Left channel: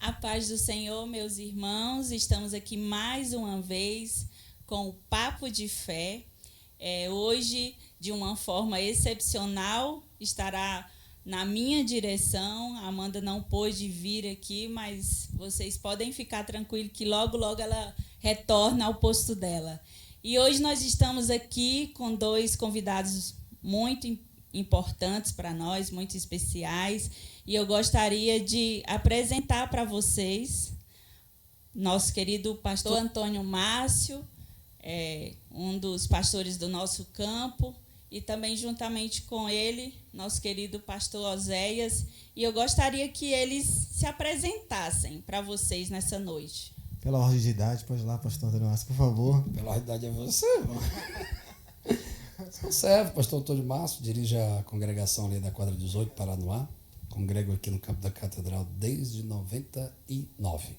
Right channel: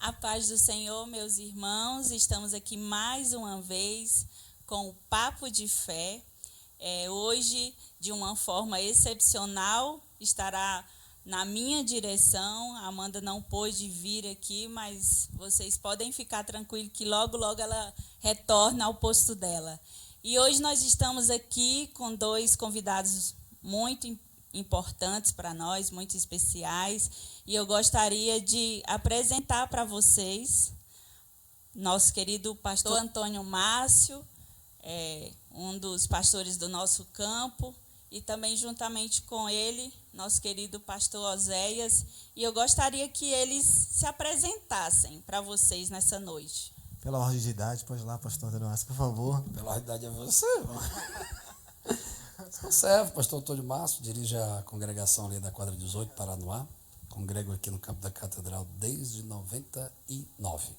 A paz do Senhor, meus irmãos, estamos aqui mais uma vez com o Papo de Fé. Hoje, de uma forma excepcional, estará na minha direção. A Amanda não pôde vir aqui, mas vocês podem ficar tranquilos que logo, logo ela retorna ao posto dela. E hoje nós estamos aqui com dois convidados muito importantes para nós, muito especiais. E eu gostaria de apresentar para vocês nosso querido pastor Antônio Márcio, um dos pastores do nosso campo, e também juntamente com ele, nosso querido pastor Oséias. E eu gostaria que eles se apresentassem para vocês nessa noite. Pela ordem de idade, pode ir lá, pastor Antônio Márcio, por favor. Pela ordem de idade é você, irmão. Sou servo, pastor Antônio Márcio, dirige a congregação ali da quadra 18, Paranoá. Congrego aqui no campo da Catedral desde 99.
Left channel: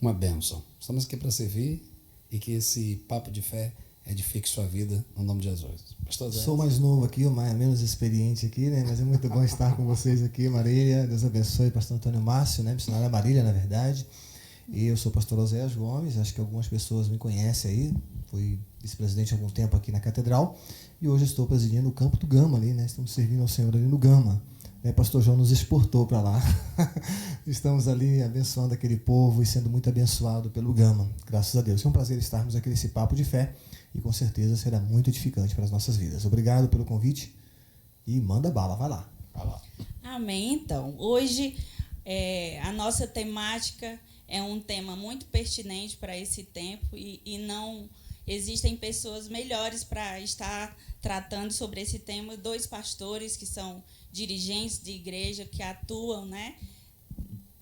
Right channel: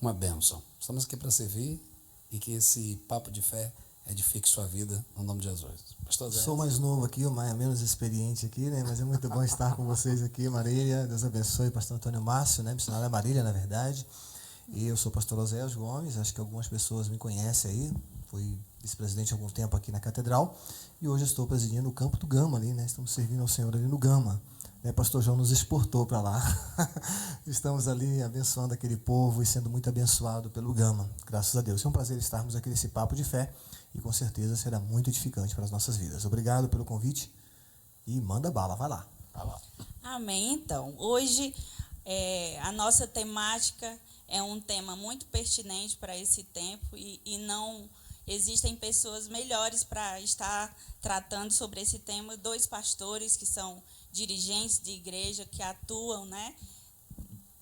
Uma bênção. Estamos aqui para servir e que esse papo de fé edifique sua vida no nome de Jesus. Pastor Zé. Sou mais novo aqui, o menos experiente aqui, né? Mas é muito bom estar com vocês aqui, Marília. Deus abençoe, pastor Antônio Márcio, né? Missionário é Marília, na verdade. E eu sou o pastor Oséias Gomes, acho que algumas pessoas me conhecem aí. Fui vice-presidente há algum tempo aqui na Catedral. E hoje estou presidindo o campo do Gama ali, né? Estamos servindo ao Senhor ali no Gama. Pastor João nos exportou para lá. Estamos ali abençoando aquele povo e sendo muito abençoado pelo Gama. Graças a Deus. É um prazer estarmos aqui nesse papo de fé e com certeza será muito edificante para as nossas vidas. Obrigado pelo convite e manda bala, vai lá. Vai lá. Amém. Então, hoje a nossa temática é um tema muito pertinente para esse tempo e não existem pessoas melhores para estar tratando sobre esse tema. Dois pastores que são dirigentes de igreja que atuam, né,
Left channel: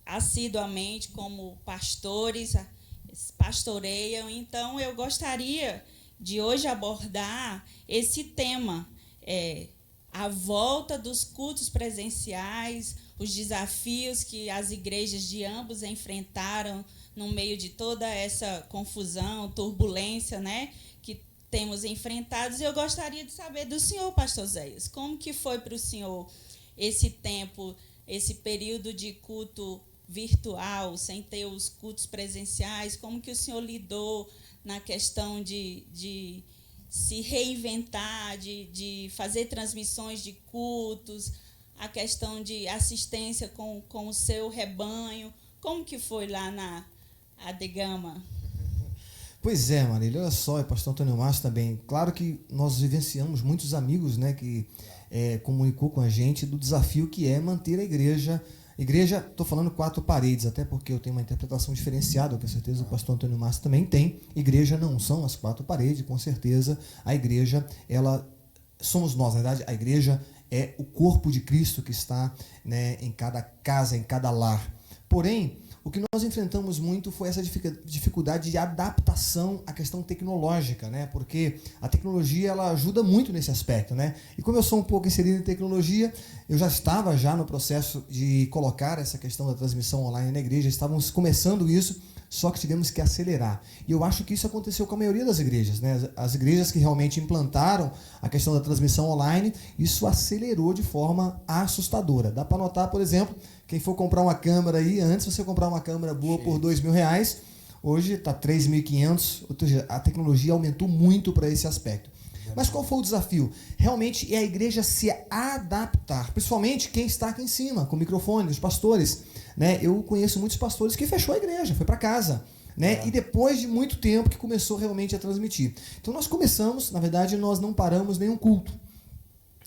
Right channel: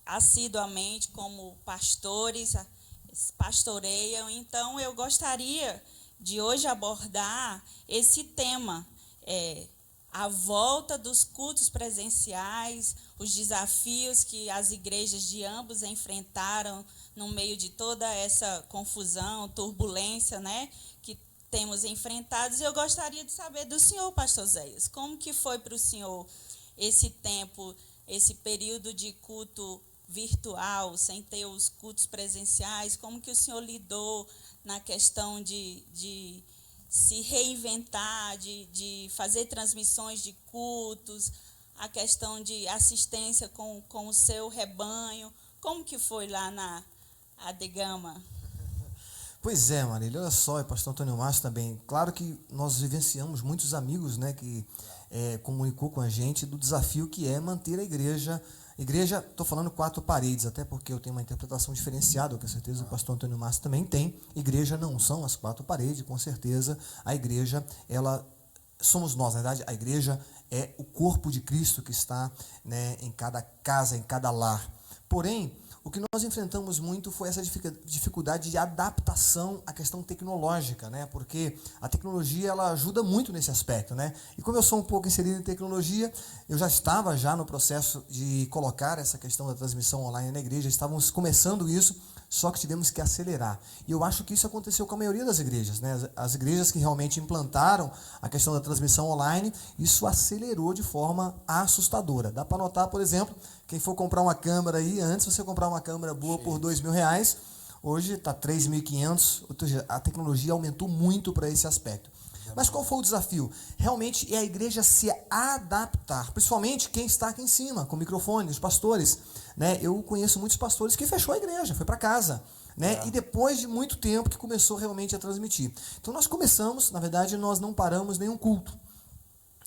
assiduamente como pastores, pastoreiam. Então, eu gostaria de hoje abordar esse tema, a volta dos cultos presenciais, os desafios que as igrejas de ambos enfrentaram no meio de toda essa confusão, turbulência, né, que temos enfrentados. E eu gostaria de saber do senhor, pastor Zéias, como que foi para o senhor esse tempo, esse período de culto virtual, sem ter os cultos presenciais, como que o senhor lidou na questão de se reinventar, de fazer transmissões de cultos, a questão de assistência com o seu rebanho, como que foi lá na Adegama? Pois é, Marília, olha só, e pastor Antônio Márcio também. Claro que nós vivenciamos muitos amigos, né, que comunicou com a gente do desafio que é manter a igreja. Igreja, estou falando 4 paredes, até porque eu tenho uma interpretação diferenciada, com certeza o pastor Antônio Márcio também tem. Igreja não são as 4 paredes, com certeza a igreja, ela somos nós, na verdade, a igreja é o corpo de Cristo que está, né, em cada casa, em cada lar. Porém, o que nós enfrentamos muito foi essa dificuldade de adaptação à questão tecnológica, né? Porque a tecnologia ela ajuda muito nesse aspecto, né? E como eu sou um pouco inserido em tecnologia, eu já estava no processo de colocar essa questão da transmissão online na igreja, estávamos começando isso, só que tivemos que acelerar. E eu acho que isso aconteceu com a maioria das igrejas, né? As igrejas que realmente implantaram a questão da transmissão online, isso acelerou de forma assustadora. Dá para notar, por exemplo, quem for comprar uma câmera aí, antes você comprar uma câmera boa por R$2.000, hoje está R$3.500, ou seja, a tecnologia aumentou muito para esse aspecto. Mas qual foi o desafio? Realmente é a igreja se adaptar, principalmente quem está aqui em cima, com o microfone, os pastores, né? Eu conheço muitos pastores que fechou a igreja, foi para casa, né? E depois de muito tempo que começou realmente a transmitir. Então nós começamos, na verdade, nós não paramos nenhum culto.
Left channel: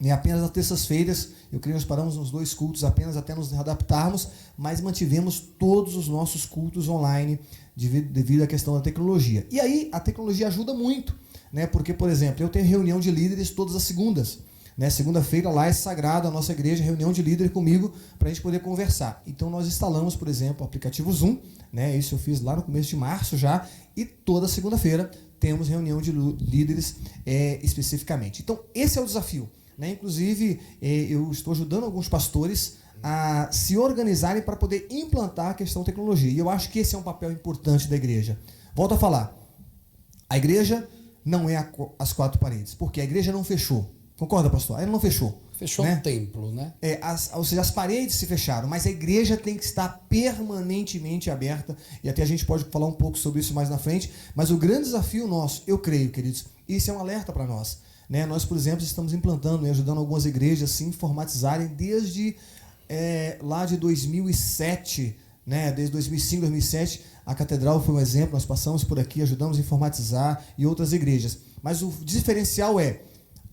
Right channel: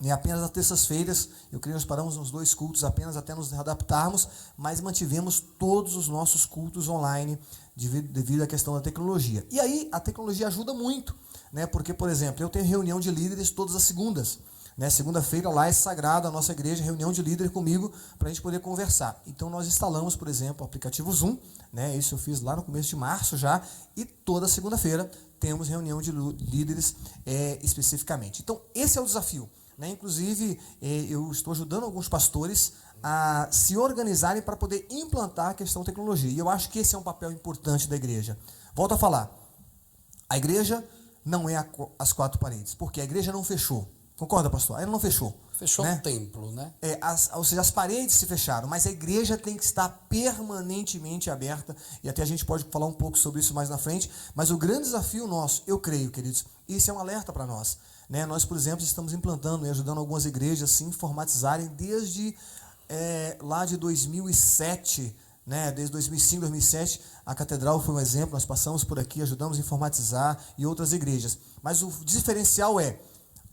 E apenas nas terças-feiras, eu creio que nós paramos uns 2 cultos apenas até nos adaptarmos, mas mantivemos todos os nossos cultos online devido à questão da tecnologia. E aí a tecnologia ajuda muito, né? Porque, por exemplo, eu tenho reunião de líderes todas as segundas. Né? Segunda-feira lá é sagrado a nossa igreja, reunião de líderes comigo para a gente poder conversar. Então nós instalamos, por exemplo, o aplicativo Zoom, né? Isso eu fiz lá no começo de março já, e toda segunda-feira temos reunião de líderes especificamente. Então esse é o desafio. Né? Inclusive, eu estou ajudando alguns pastores a se organizarem para poder implantar a questão da tecnologia. E eu acho que esse é um papel importante da igreja. Volto a falar, a igreja não é as 4 paredes, porque a igreja não fechou. Concorda, pastor? Ela não fechou. Fechou né? o templo, né? Ou seja, as paredes se fecharam, mas a igreja tem que estar permanentemente aberta, e até a gente pode falar um pouco sobre isso mais na frente, mas o grande desafio nosso, eu creio, queridos, e isso é um alerta para nós, né? Nós, por exemplo, estamos implantando e ajudando algumas igrejas a se informatizarem desde lá de 2007, né? Desde 2005, 2007, a Catedral foi um exemplo, nós passamos por aqui, ajudamos a informatizar e outras igrejas, mas o diferencial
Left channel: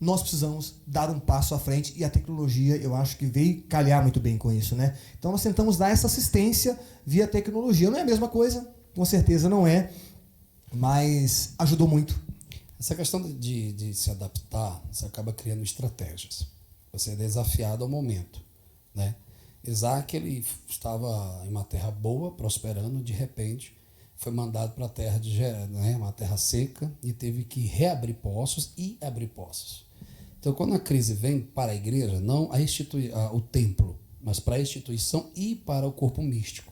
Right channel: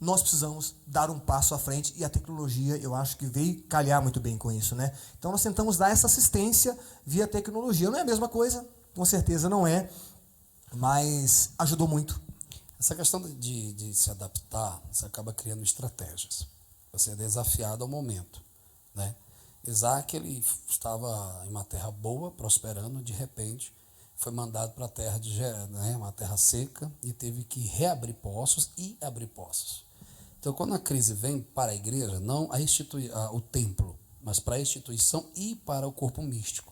nós precisamos dar um passo à frente, e a tecnologia, eu acho que veio calhar muito bem com isso, né? Então nós tentamos dar essa assistência via tecnologia. Não é a mesma coisa, com certeza não é, mas ajudou muito. Essa questão de se adaptar, você acaba criando estratégias. Você é desafiado ao momento, né? Isaac, ele estava em uma terra boa, prosperando, de repente foi mandado para a terra uma terra seca, e teve que reabrir poços e abrir poços. Então, quando a crise vem para a igreja, não o templo, mas para a instituição e para o corpo místico,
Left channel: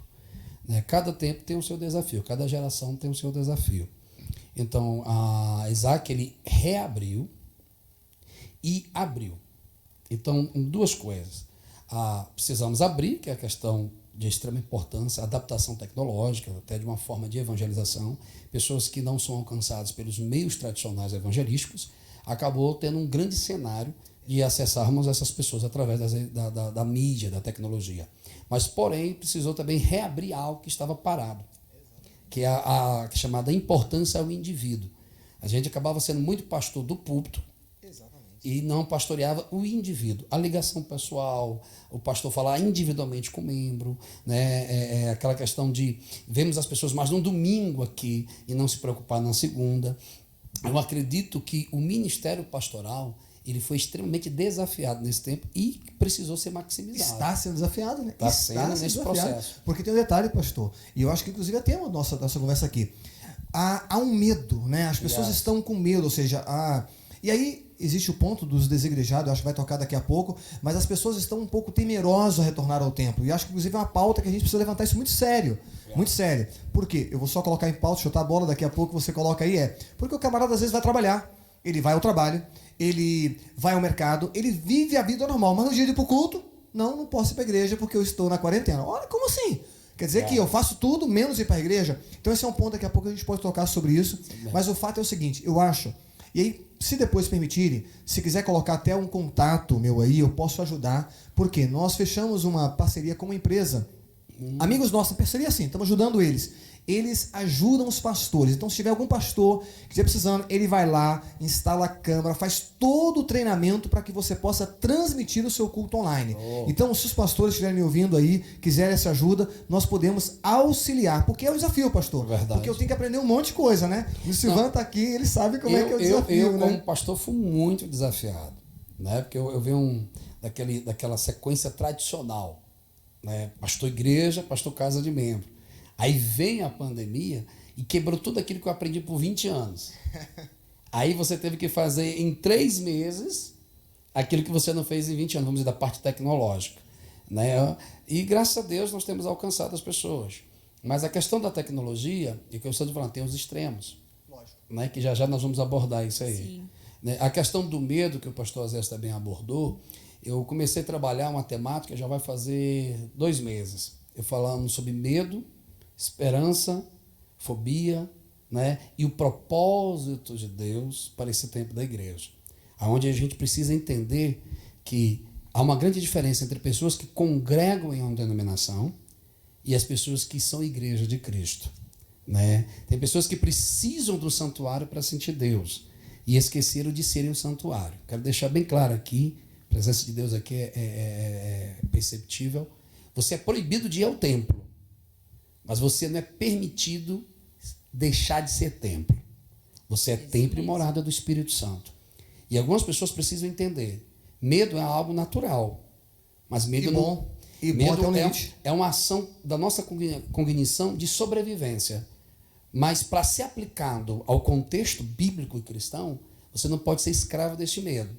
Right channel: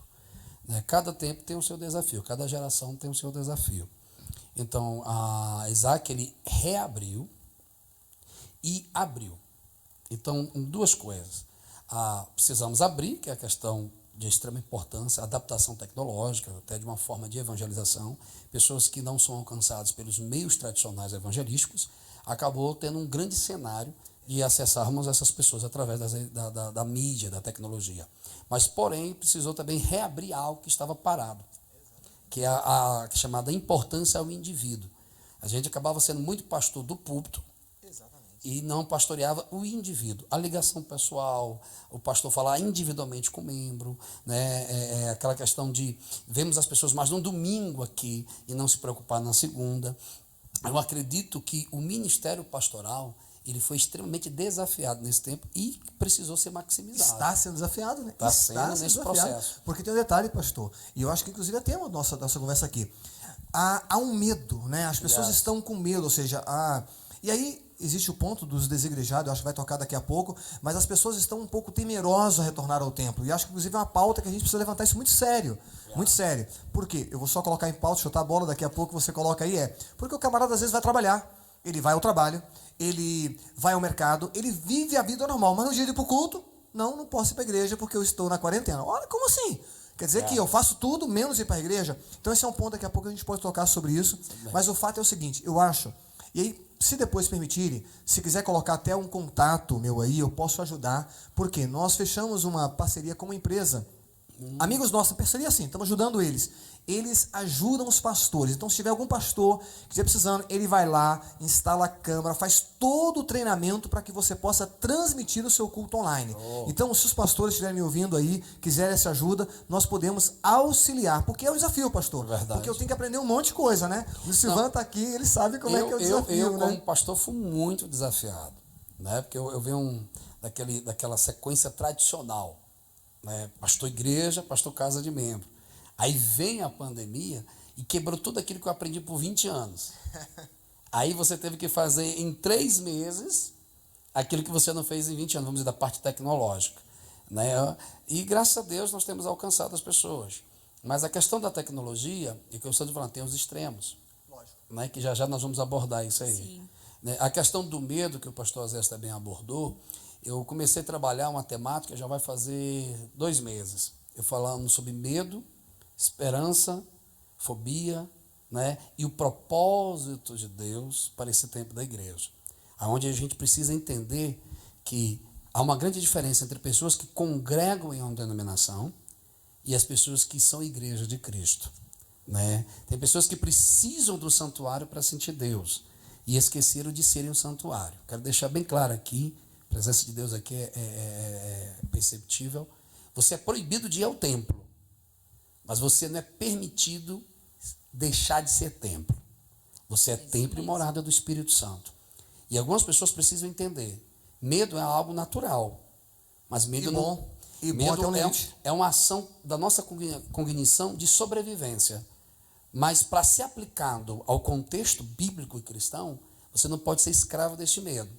né? Cada tempo tem o seu desafio, cada geração tem o seu desafio. Então, Isaac, ele reabriu e abriu. Então, duas coisas. Precisamos abrir, que é a questão de extrema importância, adaptação tecnológica, até de uma forma de evangelização. Pessoas que não são alcançadas pelos meios tradicionais evangelísticos, acabou tendo um grande cenário de acessarmos essas pessoas através da mídia, da tecnologia. Mas, porém, precisou também reabrir algo que estava parado, que é a chamada importância ao indivíduo. A gente acabava sendo muito pastor do púlpito, e não pastoreava o indivíduo, a ligação pessoal, o pastor falar individualmente com o membro, né? Aquela questão de vemos as pessoas mais no domingo aqui e não se preocupar na segunda. Eu acredito que o ministério pastoral, ele foi extremamente desafiado nesse tempo e precisou ser maximizado. Está sendo desafiado, né? Está sendo nesse processo. Porque tem um detalhe, pastor, e eu acho que inclusive é tema da nossa conversa aqui. Há um medo, né? As pessoas estão com medo, ou seja, e aí existe o ponto dos desigrejados, eu acho que vai tocar daqui a pouco, mas as pessoas estão um pouco temerosas a retornar ao templo. E acho que inclusive é uma pauta que a gente precisa levantar isso muito sério. Muito sério. Por quê? Eu vou só colocar em pauta, chutar a bola, daqui a pouco você coloca aí. Porque o camarada às vezes vai trabalhar, ele vai ao trabalho, ele vai ao mercado, ele vive a vida normal, mas no dia de ir pro culto, não posso ir para a igreja porque eu estou na quarentena. Olha, como assim? Quer dizer que eu faço tudo menos ir para a igreja? Então esse é um ponto, daqui a pouco a gente pode tocar sobre isso. Mas o fato é o seguinte, eu acho, e aí, se depois permitirem, se quiser colocar até um contato meu aí, eu posso ajudar, porque nós fechamos uma parceria com uma empresa. Amigos nossos, parceria assim, estamos ajudando eles. Eles ajudam os pastores. Então, se tiver algum pastor que estiver precisando, ele vai lá, instala a câmera, faz todo o treinamento para que você possa transmitir o seu culto online. Então, se os pastores estiverem me ouvindo aí, quiserem essa ajuda, nós podemos auxiliar. Porque é um desafio, pastor. Verdade. Porque eu tenho que aprender um monte de coisa, né? O Silvano está aqui, ele sabe como é que é o desafio. Eu, como pastor, fui muito desafiado, né? Porque eu venho daquela sequência tradicional, né? Pastor igreja, pastor casa de membro. Aí vem a pandemia e quebrou tudo aquilo que eu aprendi por 20 anos. Aí você teve que fazer em 3 meses aquilo que você não fez em 20 anos, vamos dizer, da parte tecnológica, né? E graças a Deus nós temos alcançado as pessoas. Mas a questão da tecnologia, e que eu estou falando, tem os extremos. Lógico. Né? Que já nós vamos abordar isso aí. Sim. Né? A questão do medo, que o pastor Azés também abordou, eu comecei a trabalhar uma temática, já vai fazer 2 meses. Eu falando sobre medo, esperança, fobia, né? E o propósito de Deus para esse tempo da igreja. Onde a gente precisa entender que há uma grande diferença entre pessoas que congregam em uma denominação e as pessoas que são igreja de Cristo, né? Tem pessoas que precisam do santuário para sentir Deus e esqueceram de serem o santuário. Quero deixar bem claro aqui, a presença de Deus aqui é perceptível. Você é proibido de ir ao templo, mas você não é permitido deixar de ser templo. Você é templo e morada do Espírito Santo. E algumas pessoas precisam entender. Medo é algo natural. Mas medo é uma ação da nossa cognição de sobrevivência. Mas para ser aplicado ao contexto bíblico e cristão, você não pode ser escravo deste medo.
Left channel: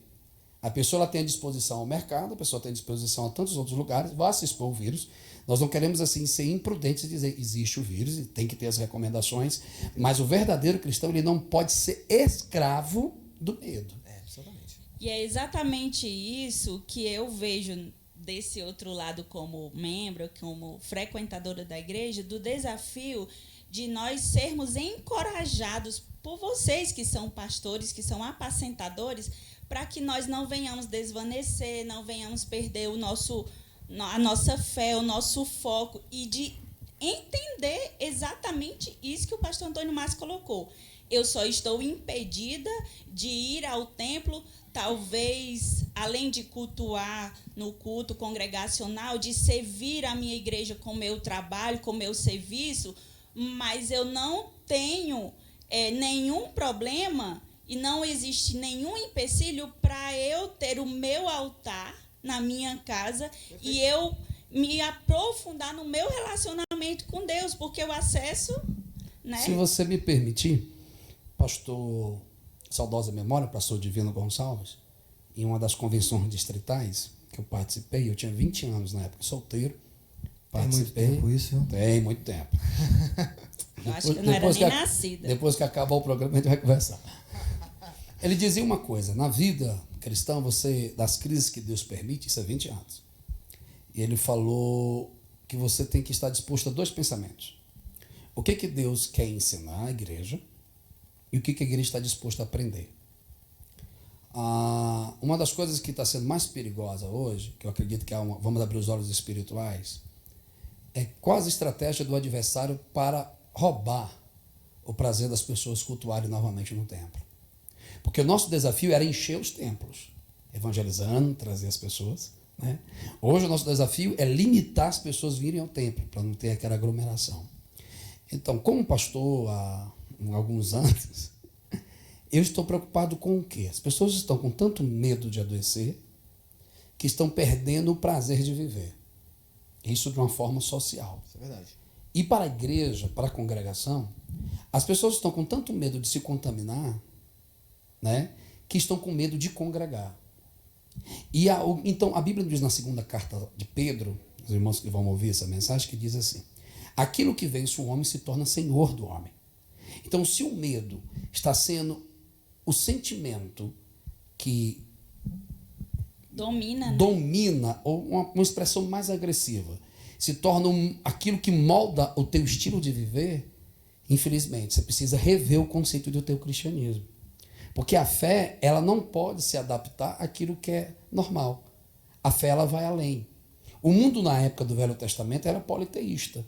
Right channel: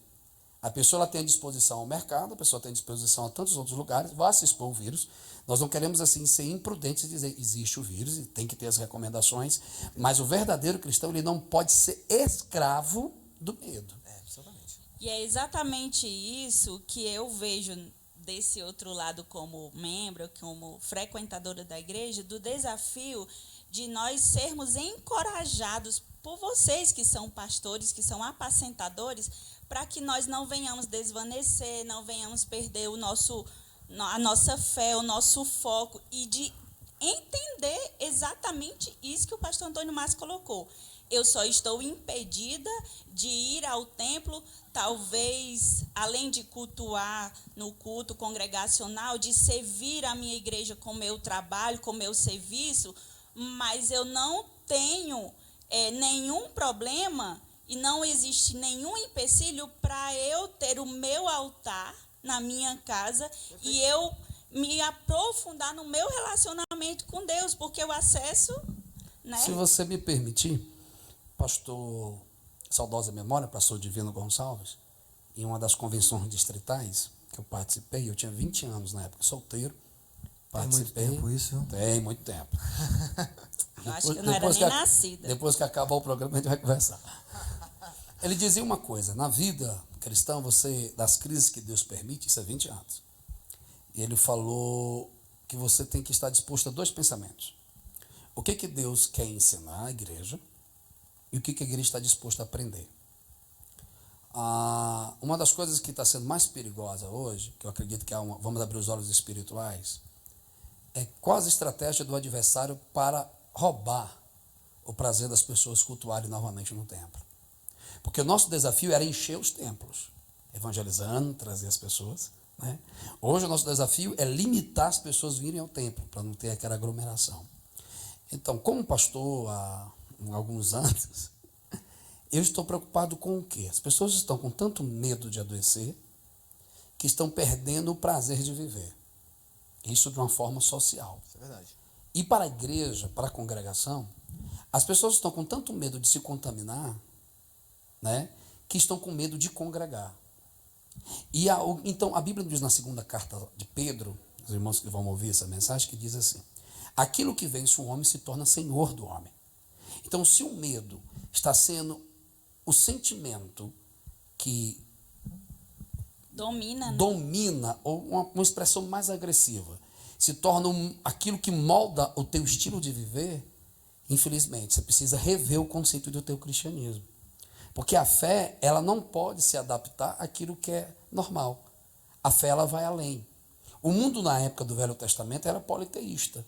A pessoa ela tem a disposição ao mercado, a pessoa tem a disposição a tantos outros lugares, vai se expor ao vírus. Nós não queremos assim ser imprudentes e dizer existe o vírus e tem que ter as recomendações, mas o verdadeiro cristão ele não pode ser escravo do medo. Exatamente. E é exatamente isso que eu vejo desse outro lado como membro, como frequentadora da igreja, do desafio de nós sermos encorajados por vocês que são pastores, que são apacentadores, para que nós não venhamos desvanecer, não venhamos perder a nossa fé, o nosso foco, e de entender exatamente isso que o pastor Antônio Márcio colocou. Eu só estou impedida de ir ao templo, talvez, além de cultuar no culto congregacional, de servir a minha igreja com meu trabalho, com meu serviço, mas eu não tenho nenhum problema e não existe nenhum empecilho para eu ter o meu altar na minha casa e eu me aprofundar no meu relacionamento com Deus, porque o acesso, né? Se você me permitir, pastor, saudosa memória, pastor Divino Gonçalves, em uma das convenções distritais que eu participei, eu tinha 20 anos na época, solteiro, participei. Tem muito tempo isso? Tem muito tempo. Eu acho que eu não era nem nascida. Depois que acabar o programa, a gente vai conversar. Ele dizia uma coisa: na vida cristã, você, das crises que Deus permite, isso é 20 anos. E ele falou que você tem que estar disposto a dois pensamentos. O que Deus quer ensinar à igreja e o que a igreja está disposta a aprender. Uma das coisas que está sendo mais perigosa hoje, que eu acredito que vamos abrir os olhos espirituais, é quase a estratégia do adversário para roubar o prazer das pessoas cultuarem novamente no templo. Porque o nosso desafio era encher os templos, evangelizando, trazer as pessoas, né? Hoje o nosso desafio é limitar as pessoas virem ao templo, para não ter aquela aglomeração. Então, como pastor há alguns anos, eu estou preocupado com o quê? As pessoas estão com tanto medo de adoecer que estão perdendo o prazer de viver. Isso de uma forma social. Isso é verdade. E para a igreja, para a congregação, as pessoas estão com tanto medo de se contaminar, né, que estão com medo de congregar. Então, a Bíblia diz na segunda carta de Pedro, os irmãos que vão ouvir essa mensagem, que diz assim: aquilo que vence o homem se torna senhor do homem. Então, se o medo está sendo o sentimento que domina, ou uma expressão mais agressiva, se torna aquilo que molda o teu estilo de viver, infelizmente, você precisa rever o conceito do teu cristianismo. Porque a fé, ela não pode se adaptar àquilo que é normal. A fé, ela vai além. O mundo, na época do Velho Testamento, era politeísta.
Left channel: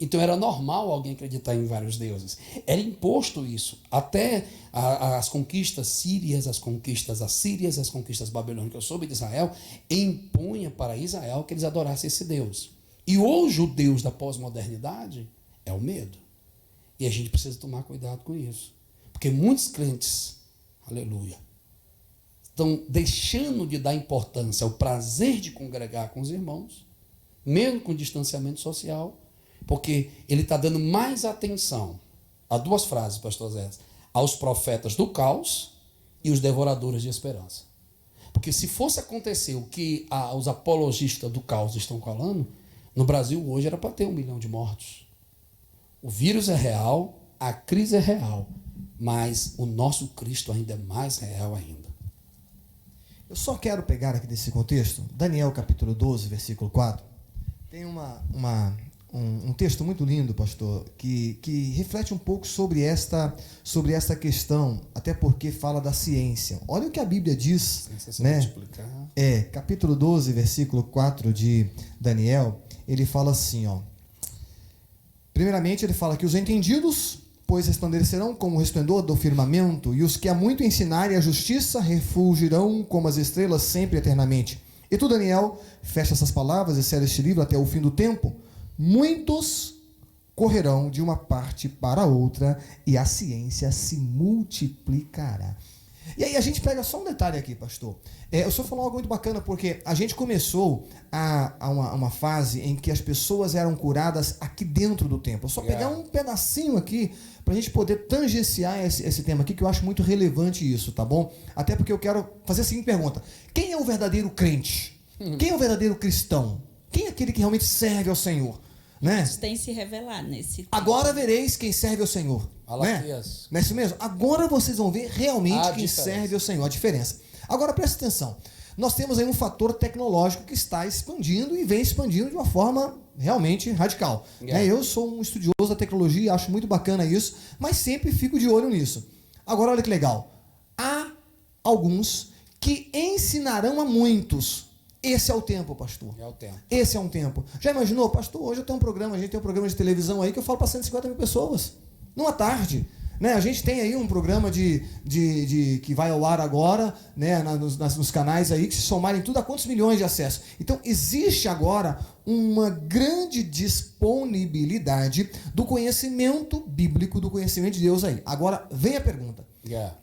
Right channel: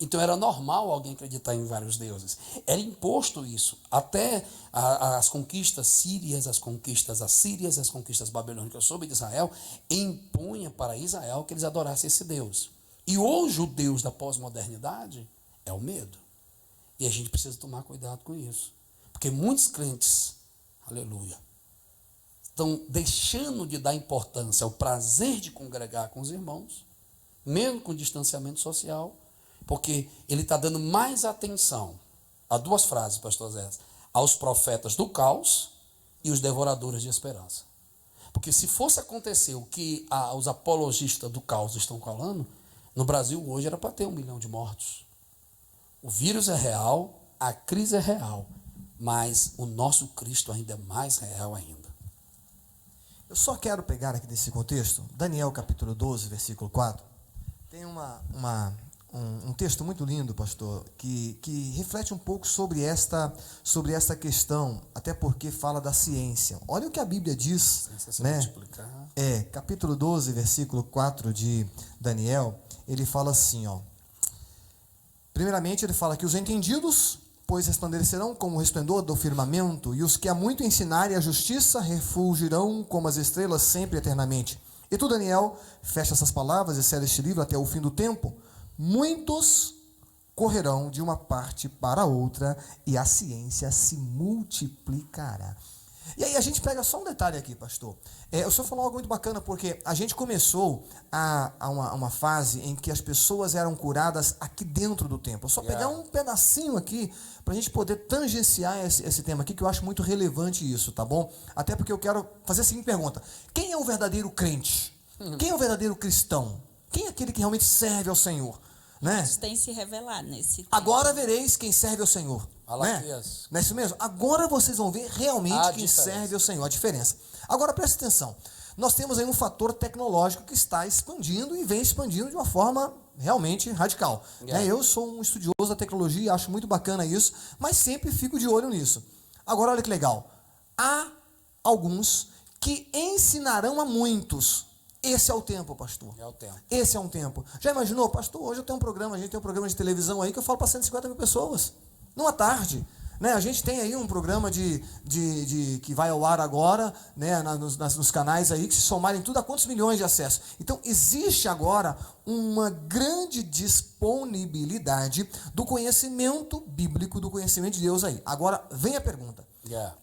Então, era normal alguém acreditar em vários deuses. Era imposto isso. Até as conquistas sírias, as conquistas assírias, as conquistas babilônicas sobre Israel, impunha para Israel que eles adorassem esse Deus. E hoje o Deus da pós-modernidade é o medo. E a gente precisa tomar cuidado com isso. Porque muitos crentes, aleluia, estão deixando de dar importância ao prazer de congregar com os irmãos, mesmo com distanciamento social, porque ele está dando mais atenção a duas frases, pastor Zé: aos profetas do caos e os devoradores de esperança. Porque se fosse acontecer o que os apologistas do caos estão falando, no Brasil hoje era para ter 1 milhão de mortos. O vírus é real, a crise é real, mas o nosso Cristo ainda é mais real ainda. Eu só quero pegar aqui desse contexto, Daniel capítulo 12, versículo 4. Tem um texto muito lindo, pastor, que reflete um pouco sobre esta questão, até porque fala da ciência. Olha o que a Bíblia diz, né? Capítulo 12, versículo 4 de Daniel, ele fala assim, ó. Primeiramente, ele fala que os entendidos, pois resplandecerão como o resplendor do firmamento, e os que há muito ensinarem a justiça refulgirão como as estrelas sempre eternamente. E tu, Daniel, fecha essas palavras e sela este livro até o fim do tempo. Muitos correrão de uma parte para outra e a ciência se multiplicará. E aí a gente pega só um detalhe aqui, pastor. O senhor falou algo muito bacana, porque a gente começou uma fase em que as pessoas eram curadas aqui dentro do templo. Só pegar um pedacinho aqui para a gente poder tangenciar esse tema aqui, que eu acho muito relevante isso, tá bom? Até porque eu quero fazer a seguinte pergunta: quem é o verdadeiro crente? Quem é o verdadeiro cristão? Quem é aquele que realmente serve ao Senhor? Né? Isso tem se revelado nesse tempo. Agora vereis quem serve ao Senhor. Né? Não é isso mesmo? Agora vocês vão ver realmente quem serve ao Senhor. A diferença. Agora presta atenção, nós temos aí um fator tecnológico que está expandindo e vem expandindo de uma forma realmente radical. Né? Eu sou um estudioso da tecnologia, acho muito bacana isso, mas sempre fico de olho nisso. Agora olha que legal, há alguns que ensinarão a muitos. Esse é o tempo, pastor. É o tempo. Esse é um tempo. Já imaginou, pastor? Hoje eu tenho um programa, a gente tem um programa de televisão aí que eu falo para 150 mil pessoas. Numa tarde. Né? A gente tem aí um programa que vai ao ar agora, né? nos canais aí, que se somarem tudo a quantos milhões de acessos. Então, existe agora uma grande disponibilidade do conhecimento bíblico, do conhecimento de Deus aí. Agora, vem a pergunta.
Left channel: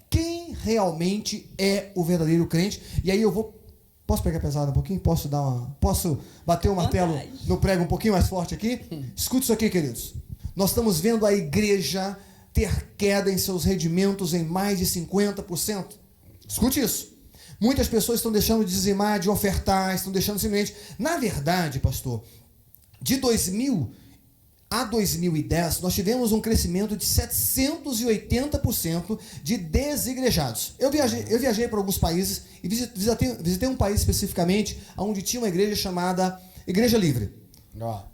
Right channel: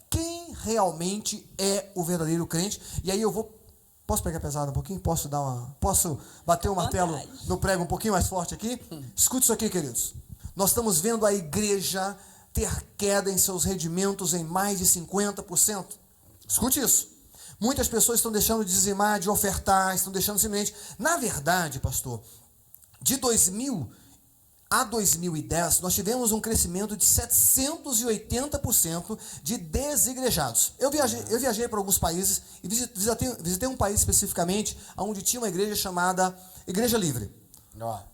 Quem realmente é o verdadeiro crente? E aí eu vou... Posso pegar pesado um pouquinho? Posso bater o martelo no prego um pouquinho mais forte aqui? Escute isso aqui, queridos. Nós estamos vendo a igreja ter queda em seus rendimentos em mais de 50%. Escute isso. Muitas pessoas estão deixando de dizimar, de ofertar, estão deixando simplesmente... Na verdade, pastor, de 2000 a 2010, nós tivemos um crescimento de 780% de desigrejados. Eu viajei para alguns países e visitei um país especificamente onde tinha uma igreja chamada Igreja Livre.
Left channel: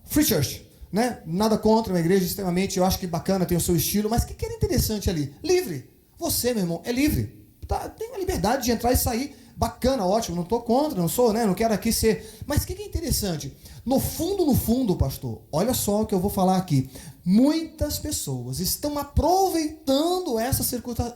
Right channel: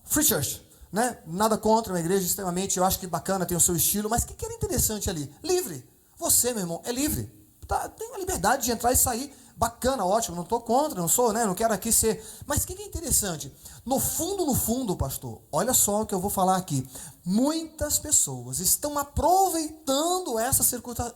Free Church. Né? Nada contra, uma igreja extremamente, eu acho que bacana, tem o seu estilo, mas o que era interessante ali? Livre. Você, meu irmão, é livre. Tem a liberdade de entrar e sair. Bacana, ótimo, não estou contra, não sou, né? Não quero aqui ser... Mas o que é interessante? No fundo, pastor, olha só o que eu vou falar aqui. Muitas pessoas estão aproveitando essas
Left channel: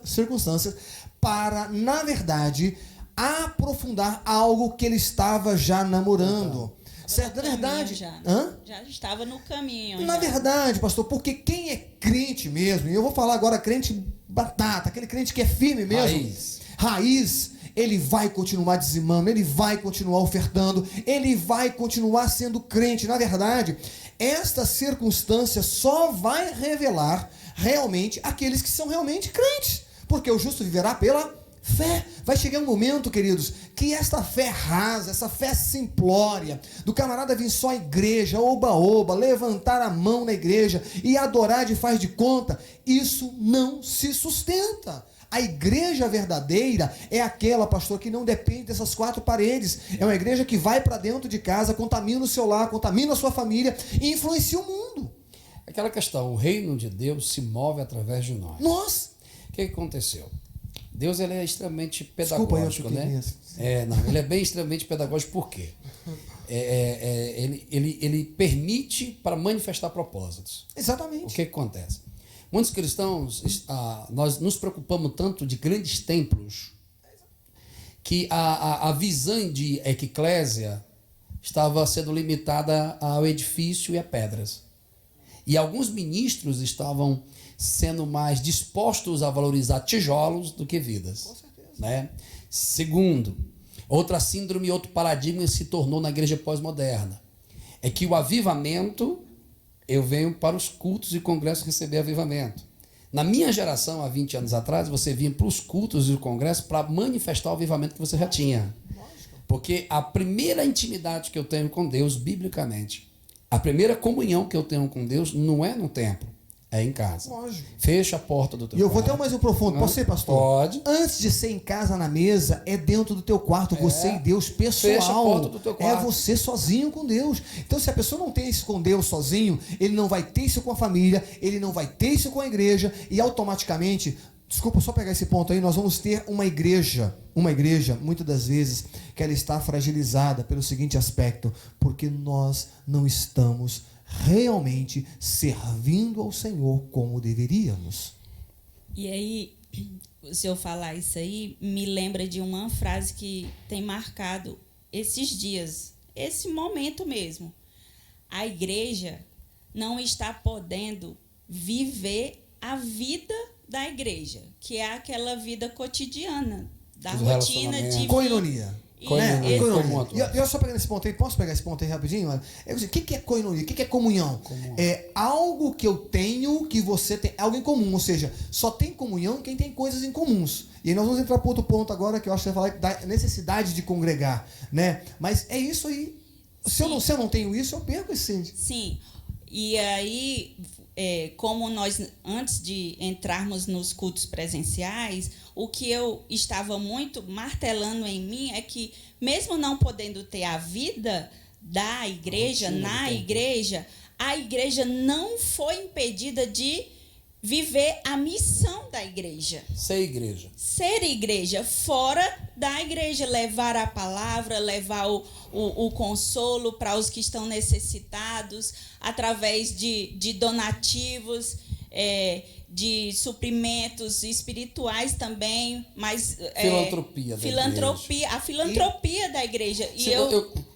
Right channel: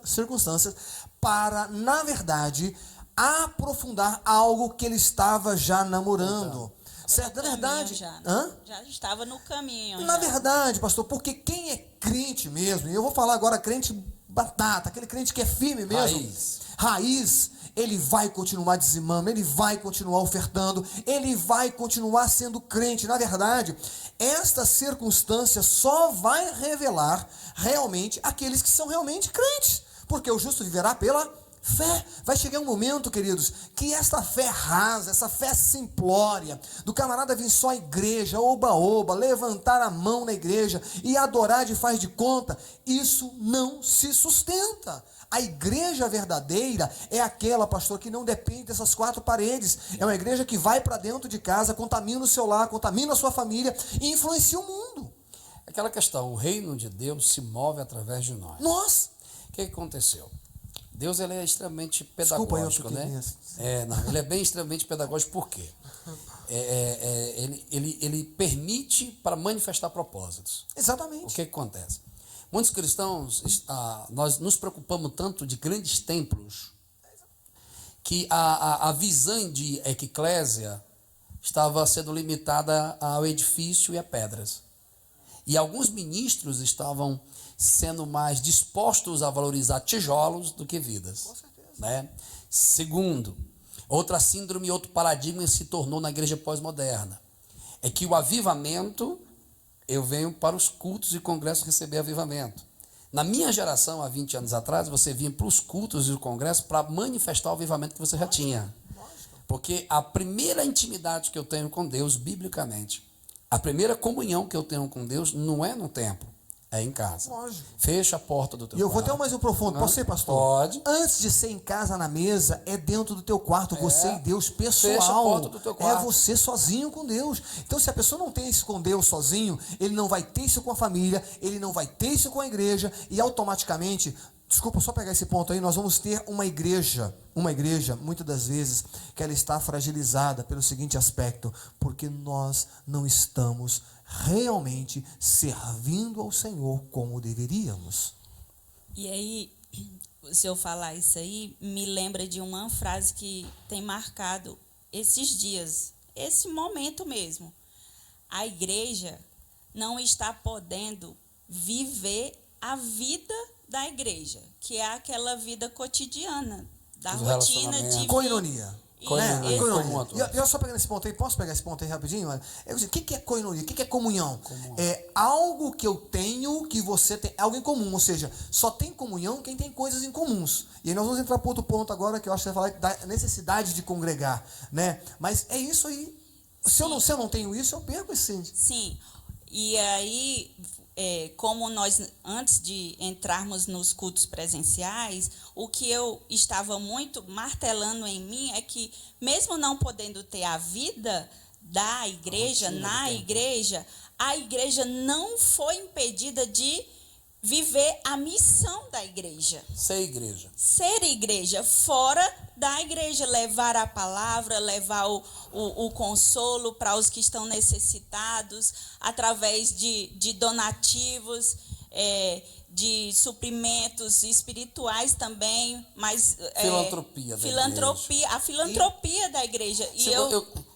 circunstâncias para, na verdade, aprofundar algo que ele estava já namorando. Certo? Na verdade... Já estava no caminho. Na verdade, pastor, porque quem é crente mesmo, e eu vou falar agora crente batata, aquele crente que é firme mesmo, raiz, ele vai continuar dizimando, ele vai continuar ofertando, ele vai continuar sendo crente. Na verdade, esta circunstância só vai revelar realmente aqueles que são realmente crentes, porque o justo viverá pela fé. Vai chegar um momento, queridos, que esta fé rasa, essa fé simplória, do camarada vir só à igreja, oba-oba, levantar a mão na igreja e adorar de faz de conta, isso não se sustenta. A igreja verdadeira é aquela, pastor, que não depende dessas quatro paredes. É uma igreja que vai para dentro de casa, contamina o seu lar, contamina a sua família e influencia o mundo. Aquela questão, o reino de Deus se move através de nós. O que aconteceu? Deus ele é extremamente pedagógico, né? Ele é bem extremamente pedagógico, por quê? Ele permite para manifestar propósitos. Exatamente. O que acontece? Muitos cristãos, nós nos preocupamos tanto de grandes templos que a visão de eclésia estava sendo limitada ao edifício e a pedras. E alguns ministros estavam sendo mais dispostos a valorizar tijolos do que vidas. Com certeza. Né? Segundo, outra síndrome, outro paradigma se tornou na igreja pós-moderna. É que o avivamento... Eu venho para os cultos e congressos receber avivamento. Na minha geração, há 20 anos atrás, você vinha para os cultos e os congressos para manifestar o avivamento que você já tinha. Porque a primeira intimidade que eu tenho com Deus, biblicamente, a primeira comunhão que eu tenho com Deus não é no templo, é em casa. Lógico. Fecha a porta do teu quarto. E eu vou até mais um profundo. Posso ser, pastor? Pode. Antes de ser em casa na mesa, é dentro do teu quarto, você e Deus, pessoal. Fecha a porta do teu quarto. É você sozinho com Deus. Então, se a pessoa não tem isso com Deus sozinho, ele não vai ter isso com a família, ele não vai ter isso com a igreja, e automaticamente, desculpa, só pegar esse ponto aí, nós vamos ter uma igreja, muitas das vezes, que ela está fragilizada pelo seguinte aspecto, porque nós não estamos realmente servindo ao Senhor como deveríamos. E aí, se eu falar isso aí, me lembra de uma frase que tem marcado esses dias, esse momento mesmo. A igreja não está podendo viver a vida da igreja, que é aquela vida cotidiana, da rotina de coinonia. Coinonia. E eu só pegando esse ponto aí, posso pegar esse ponto aí rapidinho? O que é coinonia? O que é comunhão? É algo que eu tenho que você tem, algo em comum, ou seja, só tem comunhão quem tem coisas em comuns. E aí nós vamos entrar para outro ponto agora, que eu acho que você vai falar da necessidade de congregar, né? Mas é isso aí. Se eu não tenho isso, eu perco esse. Sim. E aí, como nós, antes de entrarmos nos cultos presenciais, o que eu estava muito martelando em mim é que, mesmo não podendo ter a vida da igreja, na igreja, a igreja não foi impedida de viver a missão da igreja. Ser igreja. Ser igreja, fora da igreja, levar a palavra, levar o consolo para os que estão necessitados, através de donativos, de suprimentos espirituais também, mas a filantropia da igreja.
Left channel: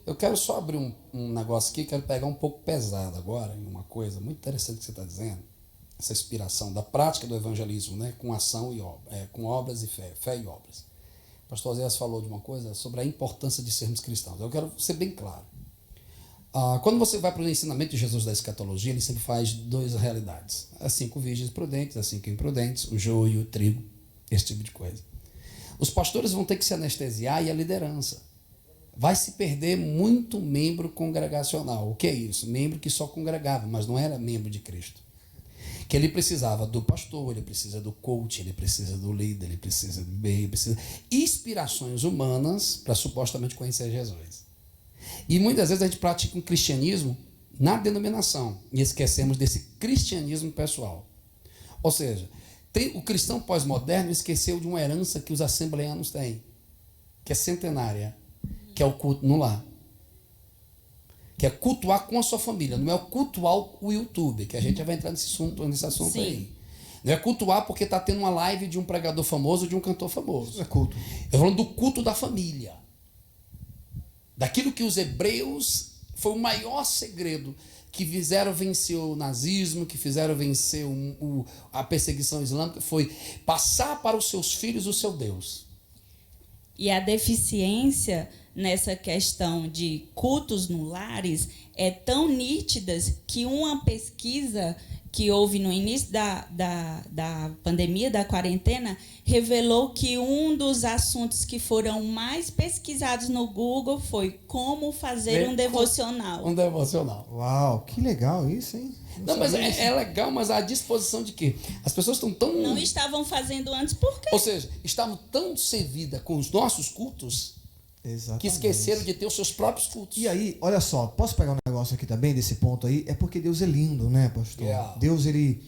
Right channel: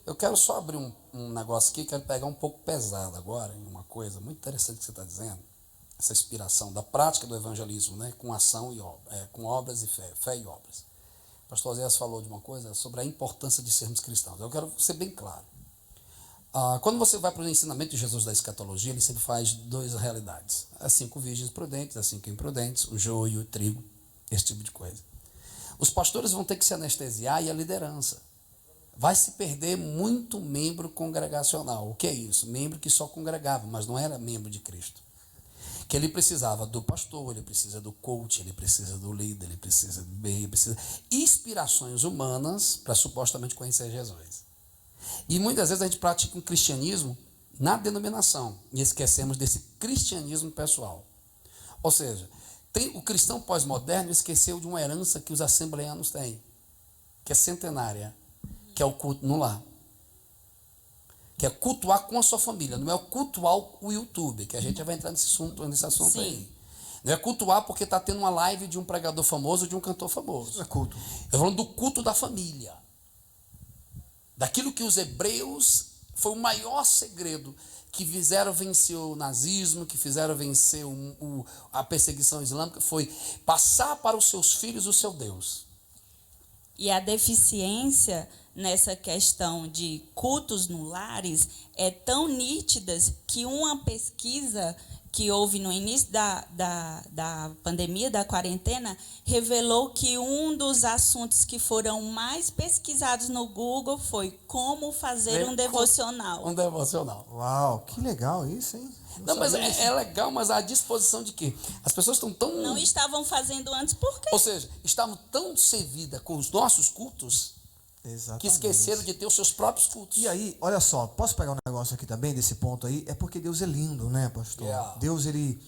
Eu quero só abrir um negócio aqui, quero pegar um pouco pesado agora, em uma coisa muito interessante que você está dizendo, essa inspiração da prática do evangelismo, né, com ação e com obras e fé e obras. O pastor Oséias falou de uma coisa sobre a importância de sermos cristãos. Eu quero ser bem claro. Quando você vai para o ensinamento de Jesus da escatologia, ele sempre faz duas realidades. As 5 virgens prudentes, as 5 imprudentes, o joio, o trigo, esse tipo de coisa. Os pastores vão ter que se anestesiar e a liderança. Vai se perder muito membro congregacional. O que é isso? Membro que só congregava, mas não era membro de Cristo. Que ele precisava do pastor, ele precisa do coach, ele precisa do líder, ele precisa do bem, ele precisa de inspirações humanas para supostamente conhecer Jesus. E muitas vezes a gente pratica um cristianismo na denominação e esquecemos desse cristianismo pessoal. Ou seja, o cristão pós-moderno esqueceu de uma herança que os assembleanos têm, que é centenária, que é o culto no lar. Que é cultuar com a sua família, não é o cultuar o YouTube, que a gente já vai entrar nesse assunto Sim. aí. Não é cultuar porque está tendo uma live de um pregador famoso, de um cantor famoso. Isso é culto. Eu estou falando do culto da família. Daquilo que os hebreus, foi o maior segredo, que fizeram vencer o nazismo, que fizeram vencer a perseguição islâmica, foi passar para os seus filhos o seu Deus. E a deficiência nessa questão de cultos no lares é tão nítidas que uma pesquisa que houve no início da pandemia, da quarentena, revelou que um dos assuntos que foram mais pesquisados no Google foi como fazer um devocional. Um devocional. Uau, que legal isso, hein? Não, mas é legal, mas a disposição de quê? As pessoas estão tão... Não estavam fazendo antes, por quê? Ou seja, estavam tão servidas com os nossos cultos, exatamente, que esqueceram de ter os seus próprios cultos. E aí, olha só, posso pegar um negócio aqui também, desse ponto aí? É porque Deus é lindo, né, pastor? Yeah. Deus, ele,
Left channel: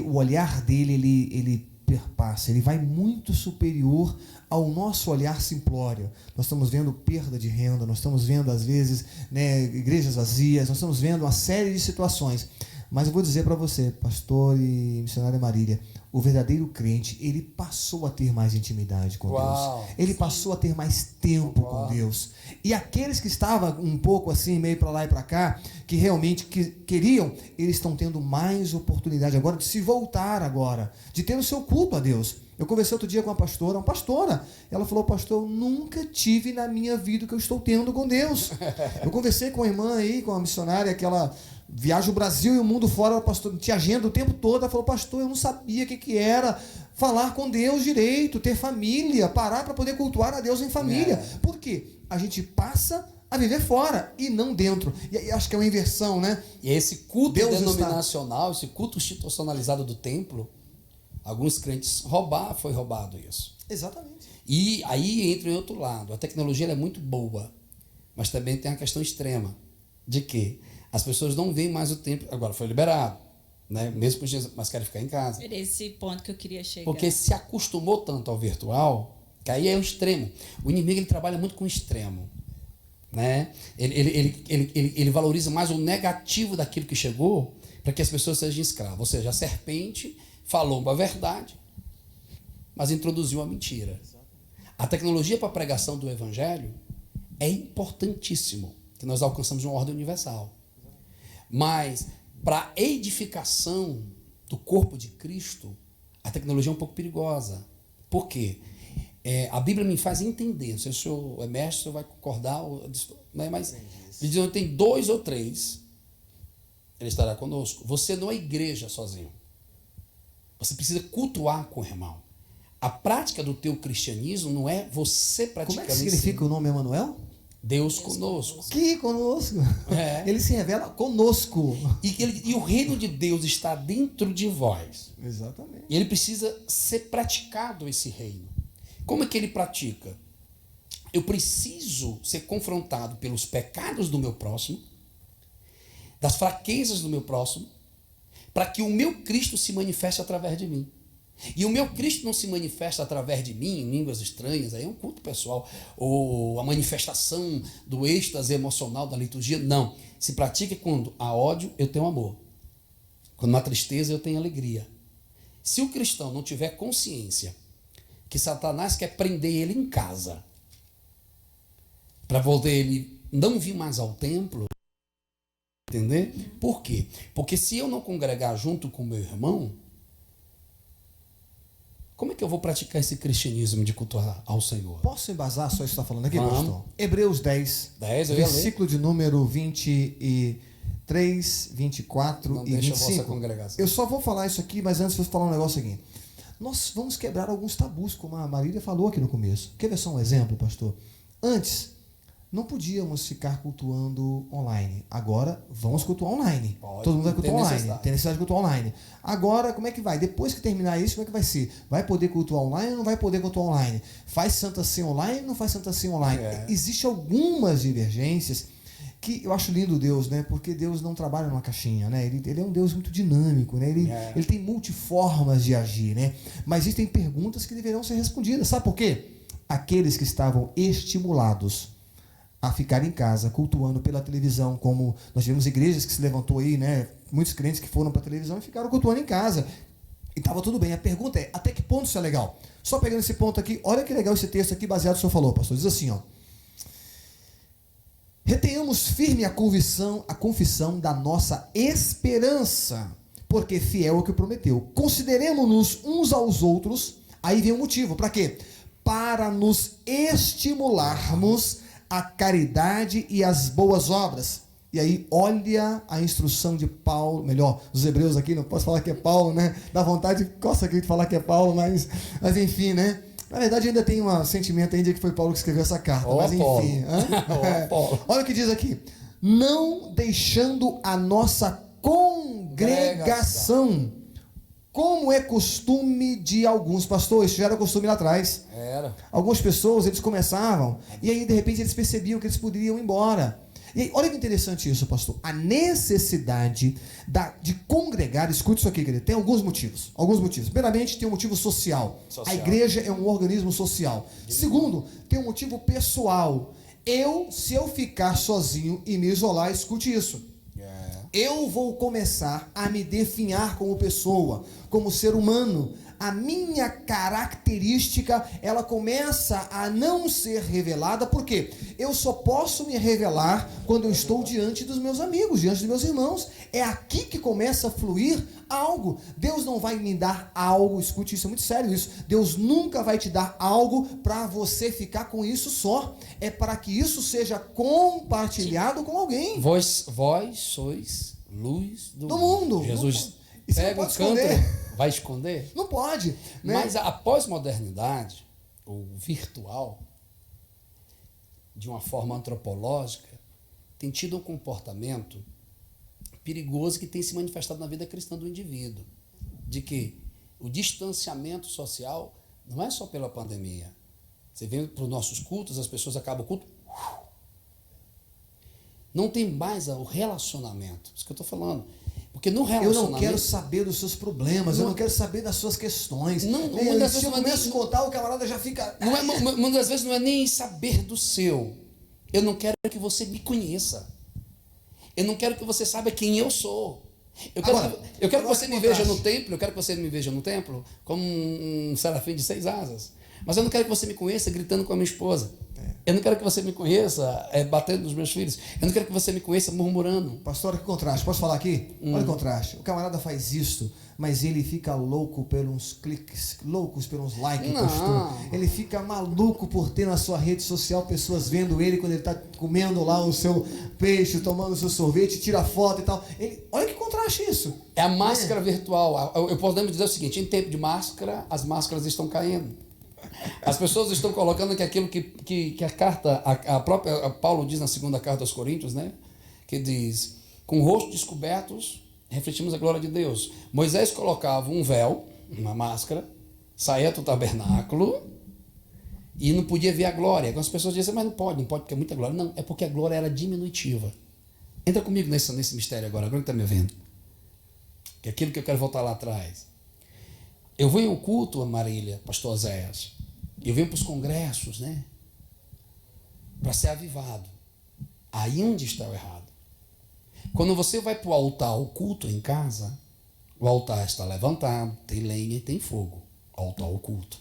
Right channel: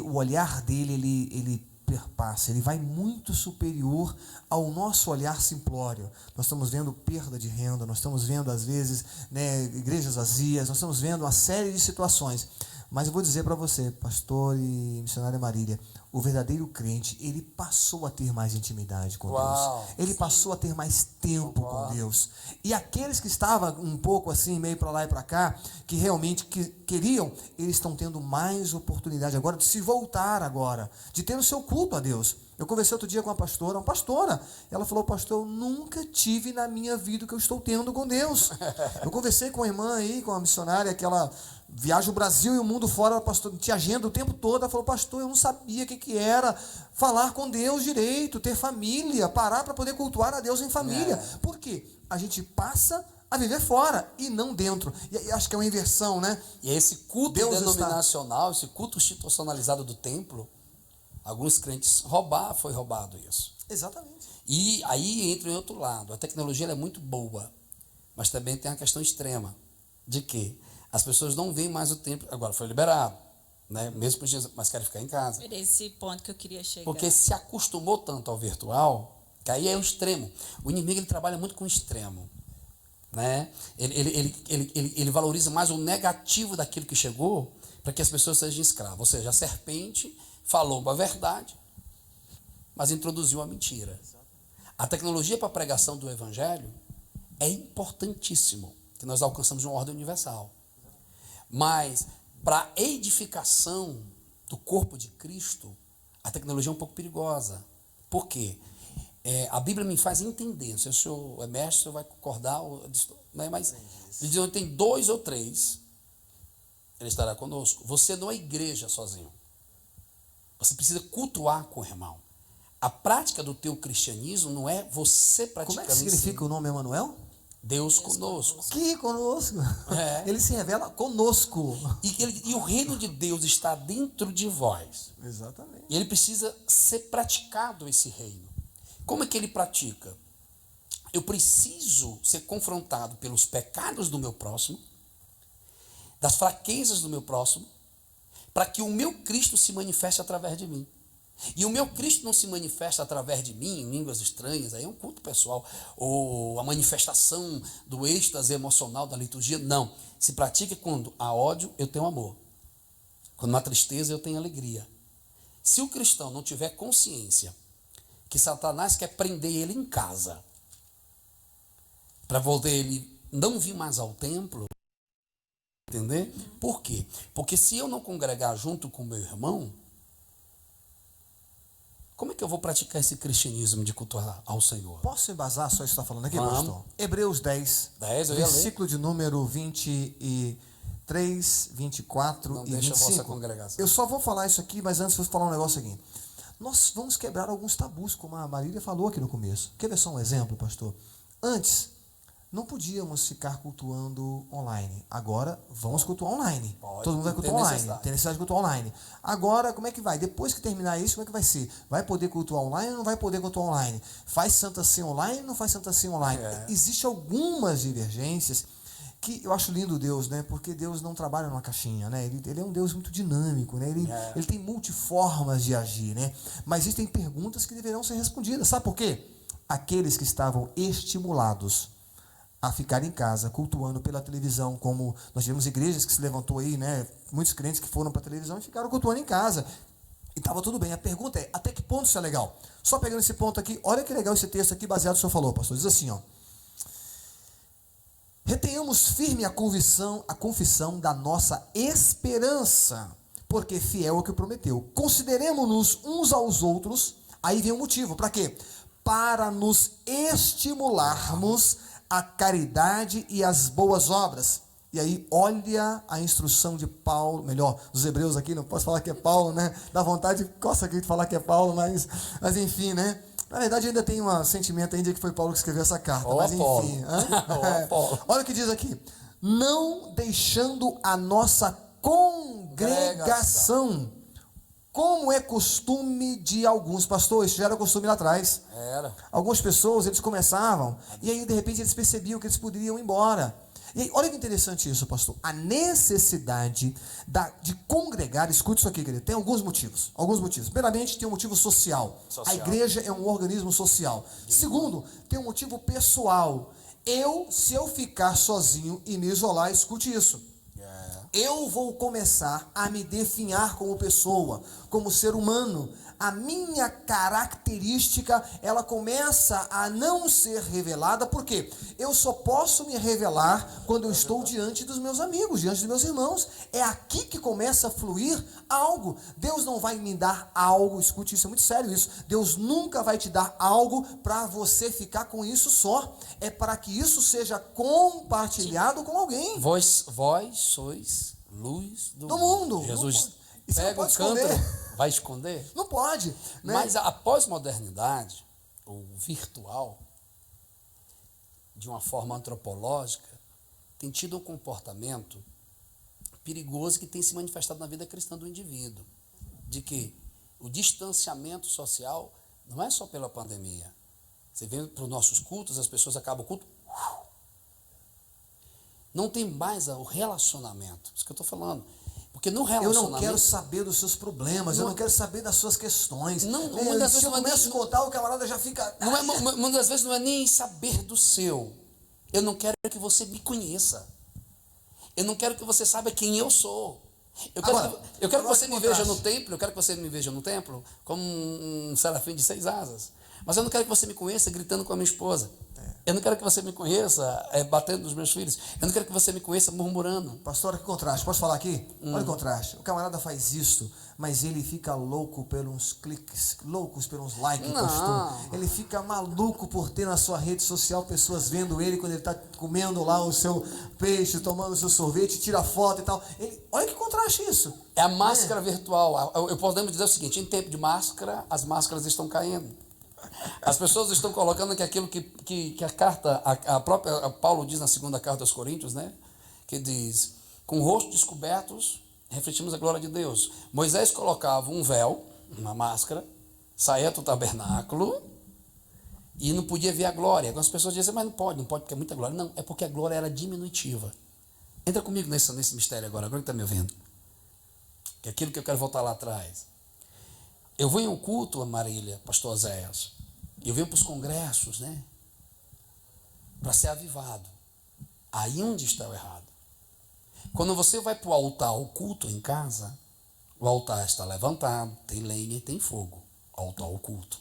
o olhar dele, ele perpassa, ele vai muito superior ao nosso olhar simplório. Nós estamos vendo perda de renda, nós estamos vendo, às vezes, né, igrejas vazias, nós estamos vendo uma série de situações. Mas eu vou dizer para você, pastor e missionária Marília, o verdadeiro crente, ele passou a ter mais intimidade com Deus. Ele passou a ter mais tempo com Deus. E aqueles que estavam um pouco assim, meio para lá e para cá, que realmente queriam, eles estão tendo mais oportunidade agora de se voltar agora, de ter o seu culto a Deus. Eu conversei outro dia com uma pastora, ela falou, pastor, eu nunca tive na minha vida o que eu estou tendo com Deus. Eu conversei com uma irmã aí, com uma missionária, que ela viaja o Brasil e o mundo fora, pastor, tinha agenda o tempo todo, ela falou, pastor, eu não sabia o que era falar com Deus direito, ter família, parar para poder cultuar a Deus em família. Por quê? A gente passa a viver fora e não dentro. E acho que é uma inversão, né? E esse culto denominacional, esse culto institucionalizado do templo, alguns crentes foi roubado isso. Exatamente. E aí entra em outro lado. A tecnologia é muito boa, mas também tem a questão extrema de que as pessoas não veem mais o templo. Agora foi liberado, né? Mesmo por Jesus, mas querem ficar em casa. Era esse ponto que eu queria chegar. Porque se acostumou tanto ao virtual, que aí é o extremo. O inimigo ele trabalha muito com o extremo, né? Ele valoriza mais o negativo daquilo que chegou para que as pessoas sejam escravas. Ou seja, a serpente falou uma verdade, mas introduziu a mentira. A tecnologia para a pregação do evangelho é importantíssimo, que nós alcançamos uma ordem universal. Mas para a edificação do corpo de Cristo, a tecnologia é um pouco perigosa. Por quê? A Bíblia me faz entender, não sei se o senhor é mestre, o senhor vai concordar, né? Mas ele diz, tem 2 ou 3, ele estará conosco. Você não é igreja sozinho. Você precisa cultuar com o irmão. A prática do teu cristianismo não é você praticando. Como é que significa o nome Emanuel? Deus conosco. Que conosco. É. Ele se revela conosco. E o reino de Deus está dentro de vós. Exatamente. E ele precisa ser praticado, esse reino. Como é que ele pratica? Eu preciso ser confrontado pelos pecados do meu próximo, das fraquezas do meu próximo, para que o meu Cristo se manifeste através de mim. E o meu Cristo não se manifesta através de mim em línguas estranhas, aí é um culto pessoal, ou a manifestação do êxtase emocional da liturgia, não. Se pratica quando há ódio, eu tenho amor. Quando há tristeza, eu tenho alegria. Se o cristão não tiver consciência que Satanás quer prender ele em casa, para voltar ele não vir mais ao templo, entender? Por quê? Porque se eu não congregar junto com meu irmão, como é que eu vou praticar esse cristianismo de cultuar ao Senhor? Posso embasar só isso que está falando aqui, Vamos. pastor? Hebreus 10, 10, eu ia ler. versículo de número 23, 24 Não e deixa a 25. vossa congregação. Eu só vou falar isso aqui, mas antes eu vou falar um negócio aqui. Nós vamos quebrar alguns tabus, como a Marília falou aqui no começo. Quer ver só um exemplo, pastor? Antes, não podíamos ficar cultuando online. Agora, vamos cultuar online. Pode, todo mundo vai cultuar tem online. necessidade. Tem necessidade de cultuar online. Agora, como é que vai? Depois que terminar isso, como é que vai ser? Vai poder cultuar online ou não vai poder cultuar online? Faz Santa Ceia online ou não faz Santa Ceia online? Existem algumas divergências que eu acho lindo Deus, né? Porque Deus não trabalha numa caixinha, né? Ele é um Deus muito dinâmico, né? Ele tem multiformas de agir, né? Mas existem perguntas que deverão ser respondidas. Sabe por quê? Aqueles que estavam estimulados a ficar em casa, cultuando pela televisão, como nós tivemos igrejas que se levantou aí, né? Muitos crentes que foram para a televisão e ficaram cultuando em casa. E estava tudo bem. A pergunta é, até que ponto isso é legal? Só pegando esse ponto aqui, olha que legal esse texto aqui, baseado no que o senhor falou, pastor. Diz assim, ó. Retenhamos firme a confissão da nossa esperança, porque fiel é o que prometeu. Consideremos-nos uns aos outros, aí vem o motivo, para quê? Para nos estimularmos a caridade e as boas obras. E aí, olha a instrução de Paulo, melhor, dos hebreus aqui, não posso falar que é Paulo, né? Dá vontade, coça aqui de falar que é Paulo, mas enfim, né? Na verdade, ainda tem um sentimento ainda que foi Paulo que escreveu essa carta, mas enfim. Olha o que diz aqui. Não deixando a nossa congregação, como é costume de alguns pastores, isso já era costume lá atrás. Era. Algumas pessoas, eles começavam, e aí de repente eles percebiam que eles poderiam ir embora. E aí, olha que interessante isso, pastor. A necessidade de congregar, escute isso aqui, querido, tem alguns motivos. Primeiramente, tem um motivo social. A igreja é um organismo social. Segundo, tem um motivo pessoal. Se eu ficar sozinho e me isolar, escute isso. Eu vou começar a me definhar como pessoa, como ser humano. A minha característica, ela começa a não ser revelada, porque eu só posso me revelar quando eu estou diante dos meus amigos, diante dos meus irmãos. É aqui que começa a fluir algo. Deus não vai me dar algo, escute isso, é muito sério isso. Deus nunca vai te dar algo para você ficar com isso só. É para que isso seja compartilhado com alguém. Vós sois luz do mundo. Jesus pega o canto, vai esconder? Não pode. Né? Mas a pós-modernidade, o virtual, de uma forma antropológica, tem tido um comportamento perigoso que tem se manifestado na vida cristã do indivíduo. De que o distanciamento social não é só pela pandemia. Você vem para os nossos cultos, as pessoas acabam o culto, não tem mais o relacionamento. Isso que eu estou falando. Porque no relacionamento... Eu não quero saber dos seus problemas, eu não quero saber das suas questões. Se eu começo a contar, o camarada já fica... Muitas das vezes não é nem saber do seu. Eu não quero que você me conheça. Eu não quero que você saiba quem eu sou. Eu quero que você me veja no templo, como um serafim de 6 asas. Mas eu não quero que você me conheça gritando com a minha esposa. Eu não quero que você me conheça batendo nos meus filhos. Eu não quero que você me conheça murmurando. Pastor, olha que contraste. Posso falar aqui? Olha o contraste. O camarada faz isso, mas ele fica louco pelos cliques, loucos pelos likes, pastor. Ele fica maluco por ter na sua rede social pessoas vendo ele quando ele está comendo lá o seu peixe, tomando o seu sorvete, tira foto e tal. Olha que contraste isso. É a máscara virtual. Eu podemos dizer o seguinte, em tempo de máscara, as máscaras estão caindo. As pessoas estão colocando que aquilo que a carta, a própria Paulo diz na segunda carta aos Coríntios, né? Que diz, com o rosto descobertos, refletimos a glória de Deus. Moisés colocava um véu, uma máscara, saía do tabernáculo e não podia ver a glória. Algumas pessoas dizem, mas não pode porque é muita glória. Não, é porque a glória era diminutiva. Entra comigo nesse mistério agora que está me ouvindo. Que é aquilo que eu quero voltar lá atrás. Eu vou em um culto, Marília, pastor Oséias. Eu venho para os congressos, né? Para ser avivado. Aí onde está o errado? Quando você vai para o altar, o culto em casa, o altar está levantado, tem lenha e tem fogo. Altar, o culto.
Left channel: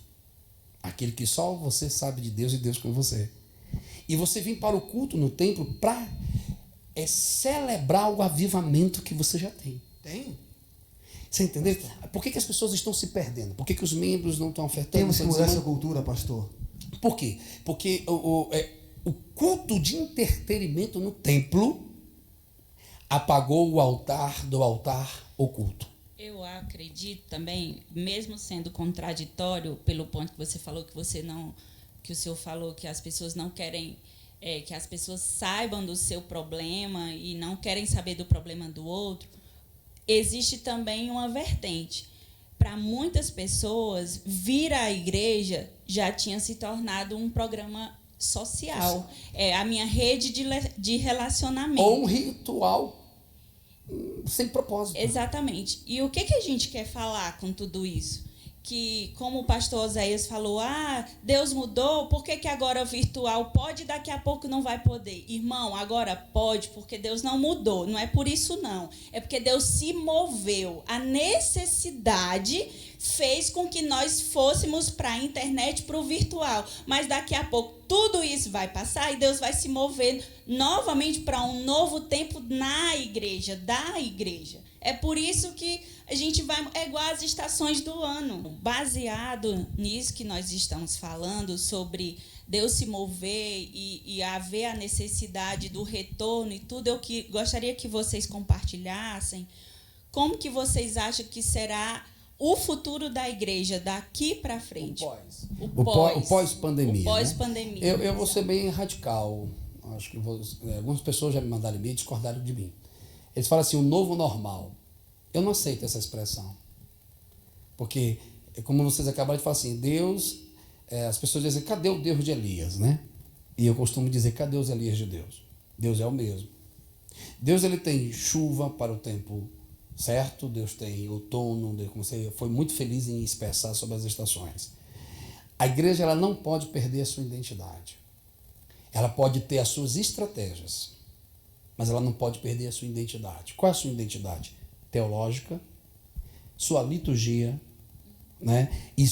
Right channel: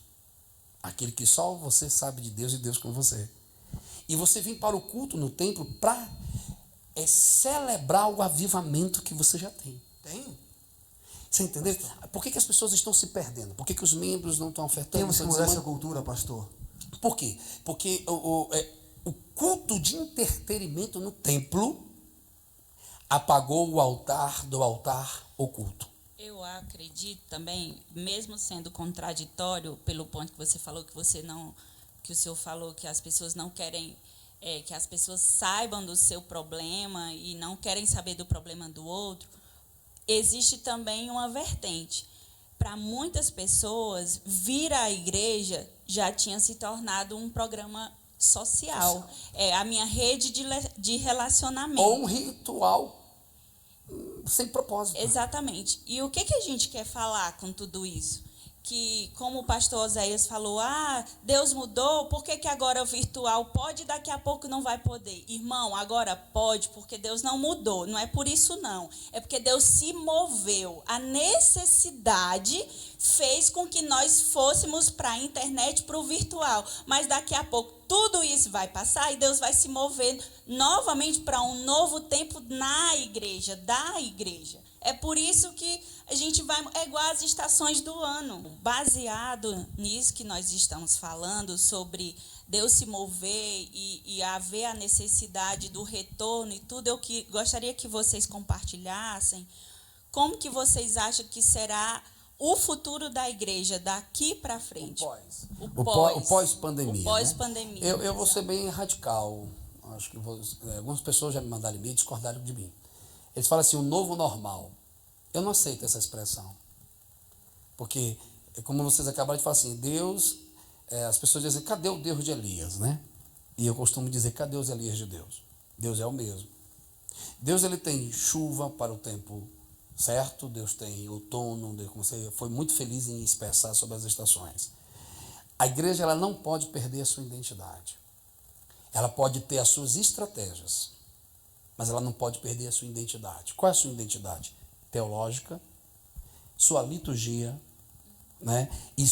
Aquele que só você sabe de Deus e Deus com você. E você vem para o culto no templo para celebrar o avivamento que você já tem. Tem. Você entendeu? Por que as pessoas estão se perdendo? Por que os membros não estão ofertando? Temos que mudar essa cultura, pastor. Por quê? Porque o culto de entretenimento no templo apagou o altar do altar oculto. Eu acredito também, mesmo sendo contraditório pelo ponto que você falou, que o senhor falou que as pessoas não querem, que as pessoas saibam do seu problema e não querem saber do problema do outro, existe também uma vertente. Para muitas pessoas, vir à igreja já tinha se tornado um programa social. É a minha rede de relacionamento. Ou um ritual sem propósito. Exatamente. E o que a gente quer falar com tudo isso? Que, como o pastor Oséias falou, Deus mudou, por que agora o virtual pode e daqui a pouco não vai poder? Irmão, agora pode, porque Deus não mudou. Não é por isso, não. É porque Deus se moveu. A necessidade fez com que nós fôssemos para a internet, para o virtual. Mas daqui a pouco tudo isso vai passar e Deus vai se mover novamente para um novo tempo na igreja, da igreja. É por isso que a gente vai, é igual às estações do ano. Baseado nisso que nós estamos falando, sobre Deus se mover e haver a necessidade do retorno e tudo, eu gostaria que vocês compartilhassem como que vocês acham que será o futuro da igreja daqui para frente. O pós-pandemia. O pós-pandemia. Né? Eu vou ser bem radical. Acho que algumas pessoas já me mandaram e-mail e discordaram de mim. Eles falam assim, o novo normal. Eu não aceito essa expressão. Porque, como vocês acabaram de falar assim, Deus, as pessoas dizem, cadê o Deus de Elias, né? E eu costumo dizer, cadê os Elias de Deus? Deus é o mesmo. Deus, ele tem chuva para o tempo certo, Deus tem outono, como você foi muito feliz em expressar sobre as estações. A igreja, ela não pode perder a sua identidade. Ela pode ter as suas estratégias, mas ela não pode perder a sua identidade. Qual é a sua identidade? Teológica, sua liturgia, né? E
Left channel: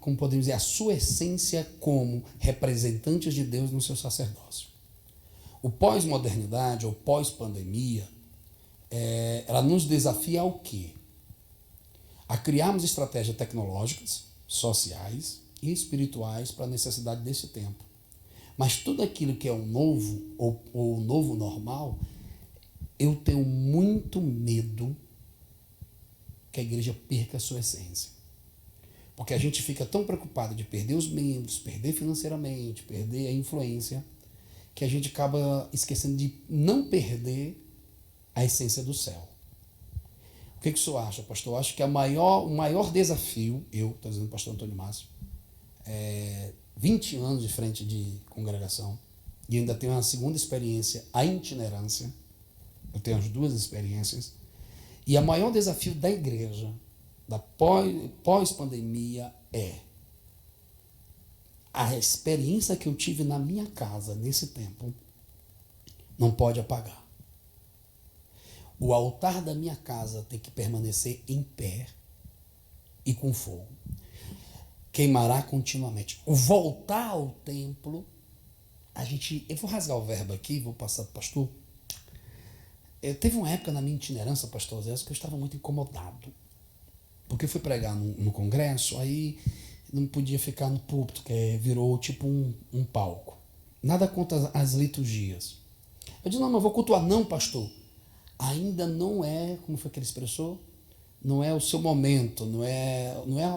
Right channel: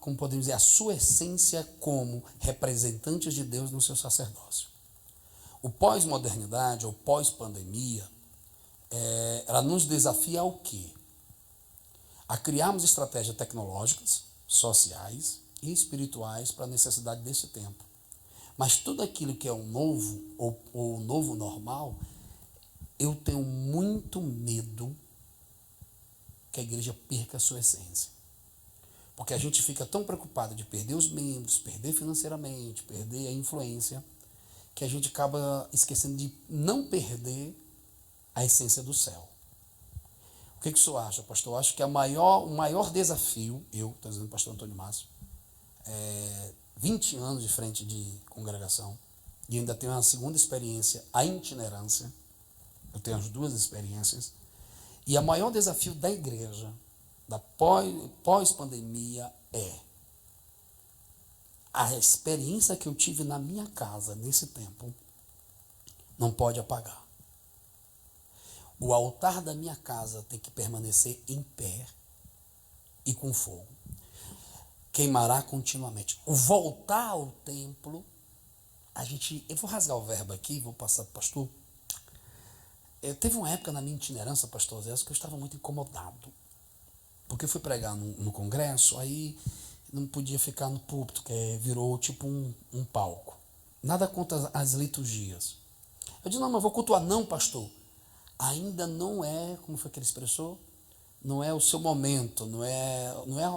como podemos dizer, a sua essência como representantes de Deus no seu sacerdócio. O pós-modernidade ou pós-pandemia, ela nos desafia ao quê? A criarmos estratégias tecnológicas, sociais e espirituais para a necessidade desse tempo. Mas tudo aquilo que é o novo, ou o novo normal, eu tenho muito medo que a igreja perca a sua essência. Porque a gente fica tão preocupado de perder os membros, perder financeiramente, perder a influência, que a gente acaba esquecendo de não perder a essência do céu. O que o senhor acha, pastor? Eu acho que o maior desafio, estou dizendo pastor Antônio Márcio, 20 anos de frente de congregação, e ainda tenho uma segunda experiência, a itinerância. Eu tenho as duas experiências. E o maior desafio da igreja, da pós-pandemia, é a experiência que eu tive na minha casa nesse tempo não pode apagar. O altar da minha casa tem que permanecer em pé e com fogo. Queimará continuamente. O voltar ao templo, eu vou rasgar o verbo aqui, vou passar para o pastor. Teve uma época na minha itinerância, pastor Zé, que eu estava muito incomodado. Porque eu fui pregar no congresso, aí não podia ficar no púlpito, que virou tipo um palco. Nada contra as liturgias. Eu disse, não vou cultuar. Não, pastor. Ainda não é, como foi que ele expressou? não é o seu momento, não é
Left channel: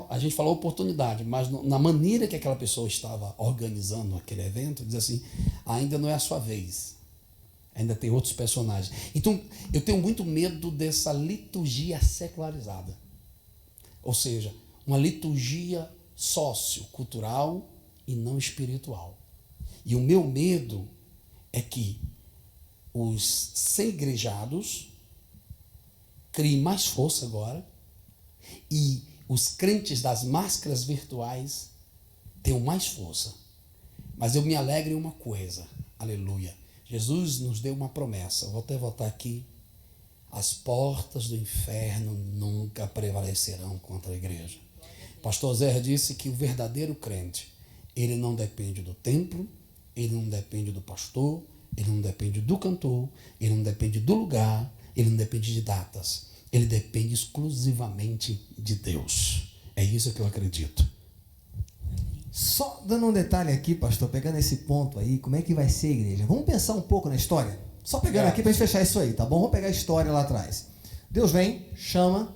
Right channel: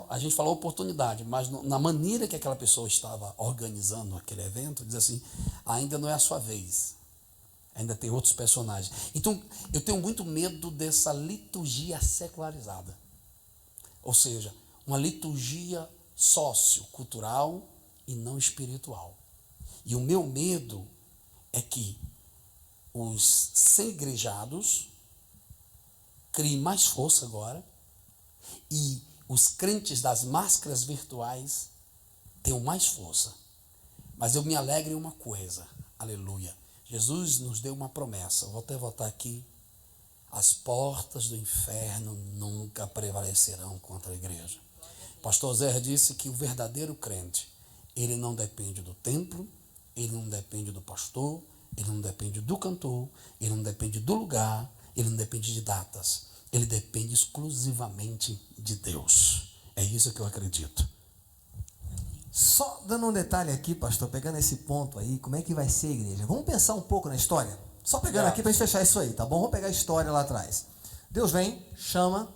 a gente falou oportunidade, mas na maneira que aquela pessoa estava organizando aquele evento, diz assim, ainda não é a sua vez, ainda tem outros personagens. Então, eu tenho muito medo dessa liturgia secularizada, ou seja, uma liturgia sociocultural e não espiritual. E o meu medo é que os segregados criem mais força agora e os crentes das máscaras virtuais tenham mais força. Mas eu me alegro em uma coisa, aleluia. Jesus nos deu uma promessa, vou até voltar aqui, as portas do inferno nunca prevalecerão contra a igreja. Pastor Zé disse que o verdadeiro crente, ele não depende do templo, ele não depende do pastor, ele não depende do cantor, ele não depende do lugar, ele não depende de datas, ele depende exclusivamente de Deus. É isso que eu acredito. Só dando um detalhe aqui, pastor, pegando esse ponto aí, como é que vai ser a igreja? Vamos pensar um pouco na história? Só pegando aqui para a gente fechar isso aí, tá bom? Vamos pegar a história lá atrás. Deus vem, chama,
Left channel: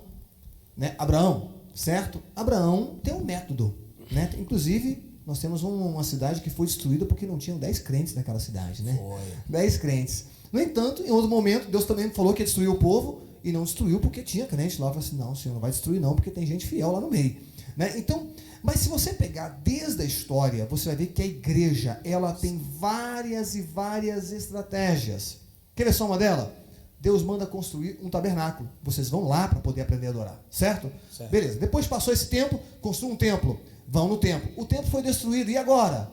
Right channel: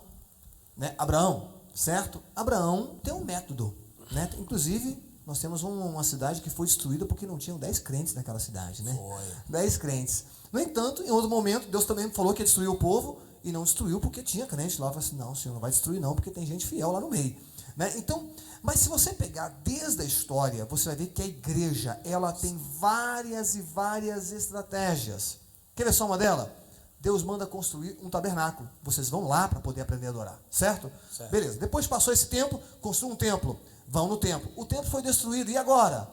né, Abraão, certo? Abraão tem um método, né? Inclusive, nós temos uma cidade que foi destruída porque não tinham 10 crentes naquela cidade, né? Foi. 10 crentes. No entanto, em outro momento, Deus também falou que ia destruir o povo e não destruiu porque tinha crente lá. Falou assim, não, o Senhor não vai destruir não, porque tem gente fiel lá no meio, né? Então, mas se você pegar desde a história, você vai ver que a igreja, ela tem várias e várias estratégias. Quer ver só uma delas? Deus manda construir um tabernáculo. Vocês vão lá para poder aprender a adorar, certo? Beleza. Depois passou esse tempo, construiu um templo. Vão no templo. O templo foi destruído. E agora?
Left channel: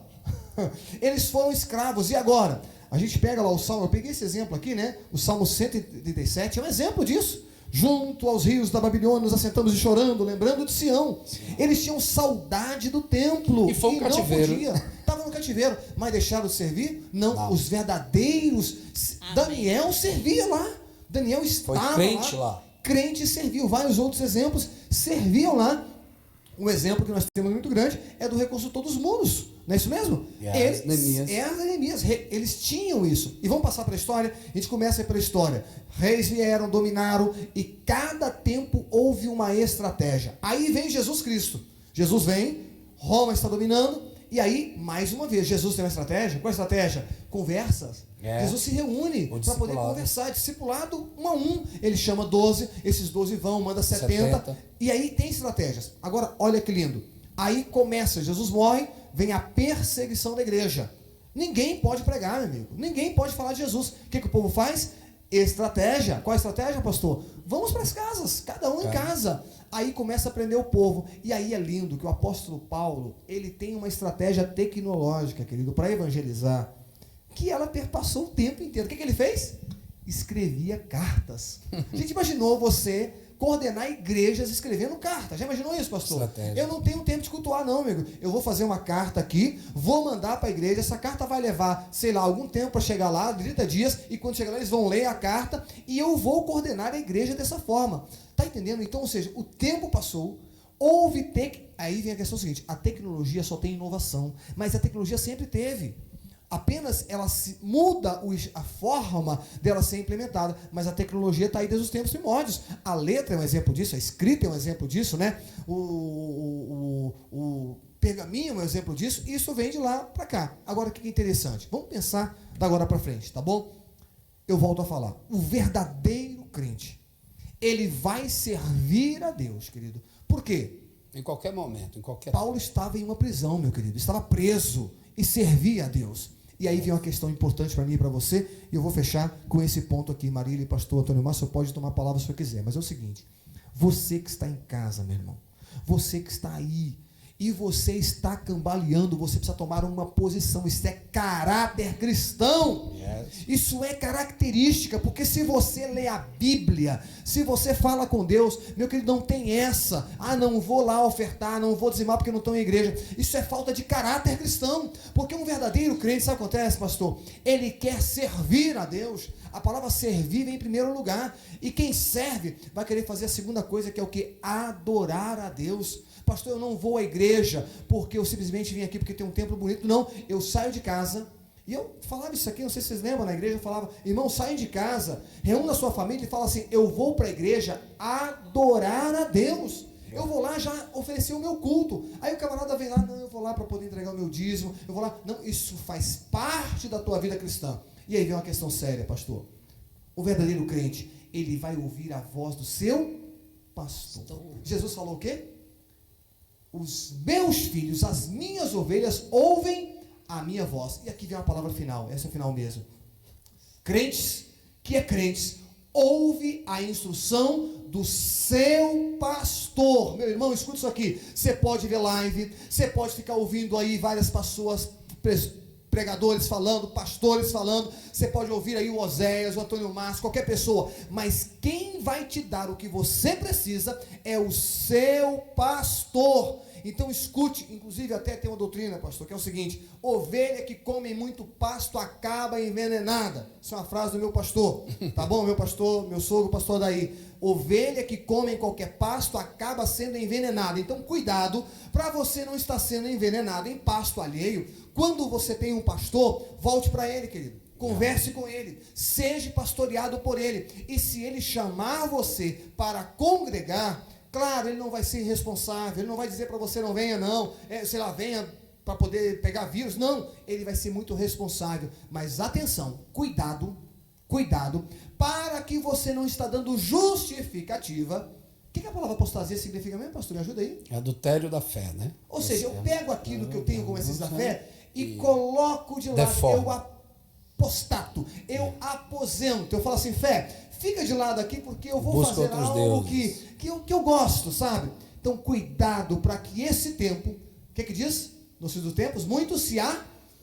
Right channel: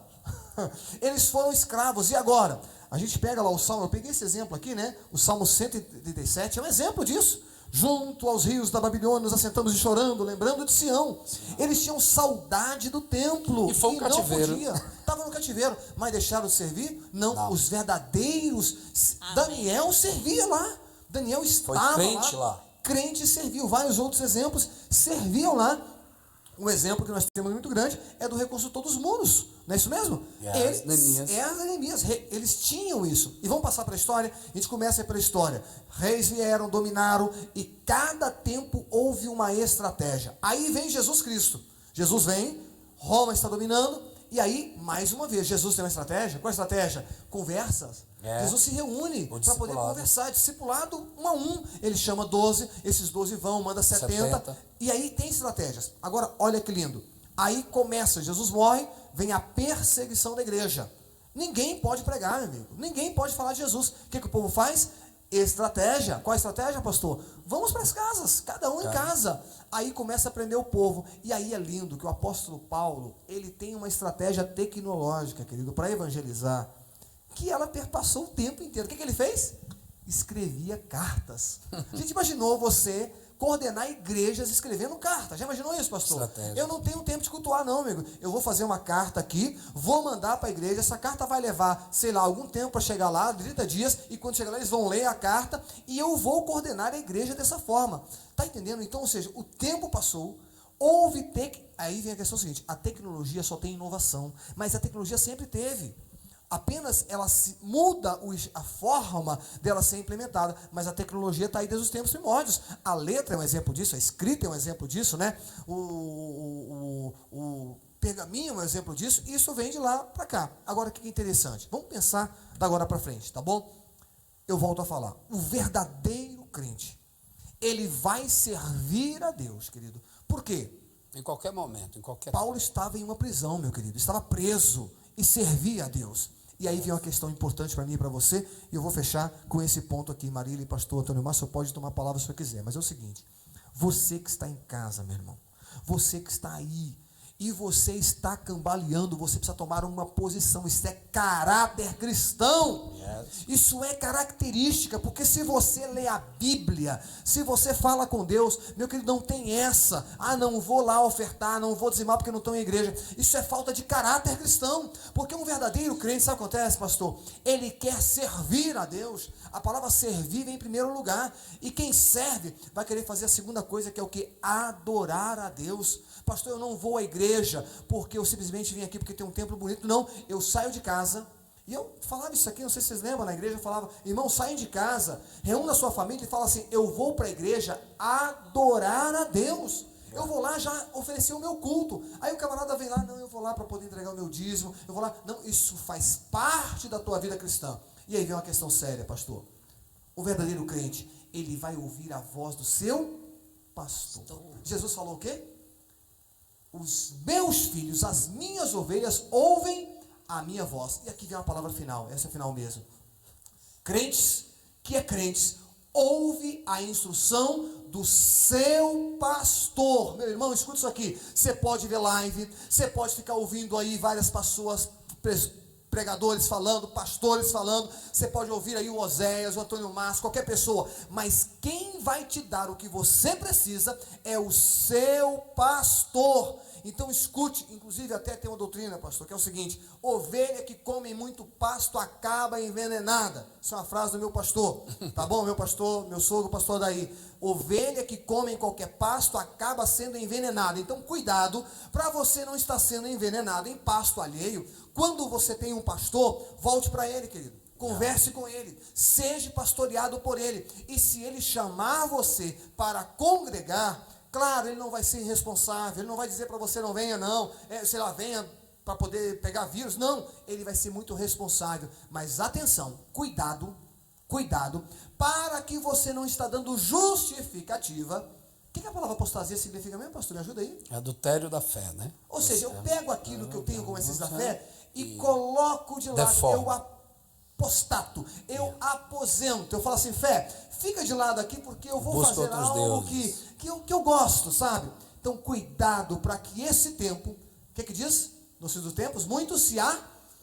Eles foram escravos. E agora? A gente pega lá o Salmo. Eu peguei esse exemplo aqui, né? O Salmo 137 é um exemplo disso. Junto aos rios da Babilônia, nos assentamos e chorando, lembrando de Sião. Eles tinham saudade do templo. E foi um cativeiro. Estavam no cativeiro, mas deixaram de servir? Não. Os verdadeiros. Amém. Daniel servia lá. Daniel estava lá. Crente serviu. Vários outros exemplos serviam lá. Um exemplo que nós temos muito grande é do reconstrutor dos muros. Não é isso mesmo? Neemias. Eles tinham isso. E vamos passar para a história. A gente começa pela história. Reis vieram, dominaram, e cada tempo houve uma estratégia. Aí vem Jesus Cristo. Jesus vem, Roma está dominando, e aí, mais uma vez, Jesus tem uma estratégia. Qual a estratégia? Conversas. Jesus se reúne para poder conversar, discipulado 1 a 1. Ele chama 12, esses 12 vão, manda 70. E aí tem estratégias. Agora, olha que lindo. Aí começa, Jesus morre, vem a perseguição da igreja. Ninguém pode pregar, meu amigo. Ninguém pode falar de Jesus. O que o povo faz? Estratégia. Qual a estratégia, pastor? Vamos para as casas, cada um em casa. Aí começa a prender o povo. E aí é lindo que o apóstolo Paulo, ele tem uma estratégia tecnológica, querido, para evangelizar, que ela perpassou o tempo inteiro. O que ele fez? Escrevia cartas. A gente imaginou você coordenar igrejas escrevendo cartas. Já imaginou isso, pastor? Estratégia. Eu não tenho tempo de cultuar, não, amigo. Eu vou fazer uma carta aqui, vou mandar para a igreja. Essa carta vai levar, sei lá, algum tempo para chegar lá, 30 dias, e quando chegar lá eles vão ler a carta e eu vou coordenar a igreja dessa forma. Tá entendendo? Então, ou seja, o tempo passou, houve aí vem a questão seguinte, a tecnologia só tem inovação, mas a tecnologia sempre teve. Apenas ela muda a forma dela ser implementada, mas a tecnologia está aí desde os tempos primórdios. A letra é um exemplo disso, a escrita é um exemplo disso, né? O pergaminho é um exemplo disso, e isso vem de lá para cá. Agora, o que é interessante? Vamos pensar da agora para frente, tá bom? Eu volto a falar. O verdadeiro crente, ele vai servir a Deus, querido. Por quê? Em qualquer momento, em qualquer... Paulo estava em uma prisão, meu querido, estava preso e servia a Deus. E aí vem uma questão importante para mim e para você, e eu vou fechar com esse ponto aqui. Marília e pastor Antônio Márcio, pode tomar a palavra se você quiser, mas é o seguinte, você que está em casa, meu irmão, você que está aí, e você está cambaleando, você precisa tomar uma posição. Isso é caráter cristão. Isso é característica, porque se você lê a Bíblia, se você fala com Deus, meu querido, não tem essa, não vou lá ofertar, não vou dizimar porque não estou em igreja. Isso é falta de caráter cristão, porque um verdadeiro crente, sabe o que acontece, pastor? Ele quer servir a Deus. A palavra servir vem em primeiro lugar, e quem serve vai querer fazer a segunda coisa, que é o que? Adorar a Deus. Pastor, eu não vou à igreja porque eu simplesmente vim aqui porque tem um templo bonito. Não, eu saio de casa e E eu falava isso aqui, não sei se vocês lembram, na igreja eu falava, irmão, saem de casa, reúna a sua família e fala assim, eu vou para a igreja adorar a Deus. Eu vou lá já oferecer o meu culto. Aí o camarada vem lá, não, eu vou lá para poder entregar o meu dízimo, eu vou lá. Não, isso faz parte da tua vida cristã. E aí vem uma questão séria, pastor. O verdadeiro crente, ele vai ouvir a voz do seu pastor. Jesus falou o quê? Os meus filhos, as minhas ovelhas, ouvem a minha voz. E aqui vem a palavra final, essa é a final mesmo. Crentes, que é crentes, ouve a instrução do seu pastor. Meu irmão, escuta isso aqui. Você pode ver live, você pode ficar ouvindo aí várias pessoas, pregadores falando, pastores falando, você pode ouvir aí o Oséias, o Antônio Márcio, qualquer pessoa, mas quem vai te dar o que você precisa é o seu pastor. Então escute, inclusive até tem uma doutrina, pastor, que é o seguinte: ovelha que come muito pasto acaba envenenada. Isso é uma frase do meu pastor, tá bom? Meu pastor, meu sogro, pastor daí. Ovelha que come qualquer pasto acaba sendo envenenada. Então cuidado para você não estar sendo envenenado em pasto alheio. Quando você tem um pastor, volte para ele, querido. Converse com ele, seja pastoreado por ele. E se ele chamar você para congregar, claro, ele não vai ser irresponsável, ele não vai dizer para você não venha não, sei lá, venha para poder pegar vírus. Não, ele vai ser muito responsável. Mas atenção, cuidado, para que você não está dando justificativa. O que a palavra apostasia significa mesmo, pastor? Me ajuda aí. Adultério da fé, né? Ou seja, eu pego aquilo que eu tenho como essência da fé e coloco de lado. Deforma. Eu apostato, eu aposento. Eu falo assim, fé, fica de lado aqui porque eu vou Busca fazer outros algo deuses. que eu gosto, sabe? Então, cuidado para que esse tempo, o que diz? Nos fins dos tempos, muitos se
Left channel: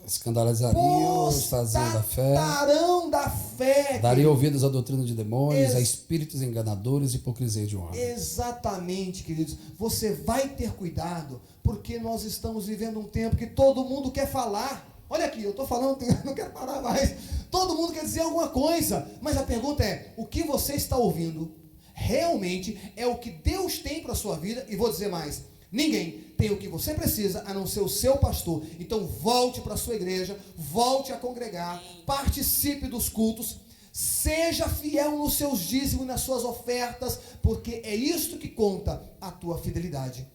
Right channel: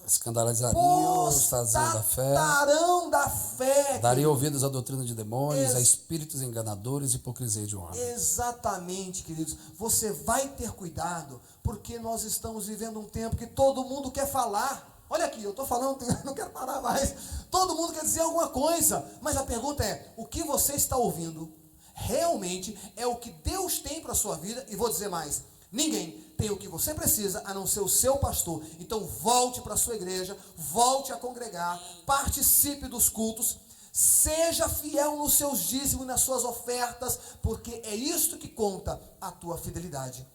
escandalizariam os trazidos da fé, da fé, daria ouvidos à doutrina de demônios, a espíritos enganadores e hipocrisia de homem. Exatamente, queridos. Você vai ter cuidado, porque nós estamos vivendo um tempo que todo mundo quer falar. Olha aqui, eu estou falando, não quero parar mais. Todo mundo quer dizer alguma coisa, mas a pergunta é, o que você está ouvindo realmente é o que Deus tem para a sua vida? E vou dizer mais, ninguém tem o que você precisa a não ser o seu pastor. Então volte para a sua igreja, volte a congregar, participe dos cultos, seja fiel nos seus dízimos e nas suas ofertas, porque é isto que conta a tua fidelidade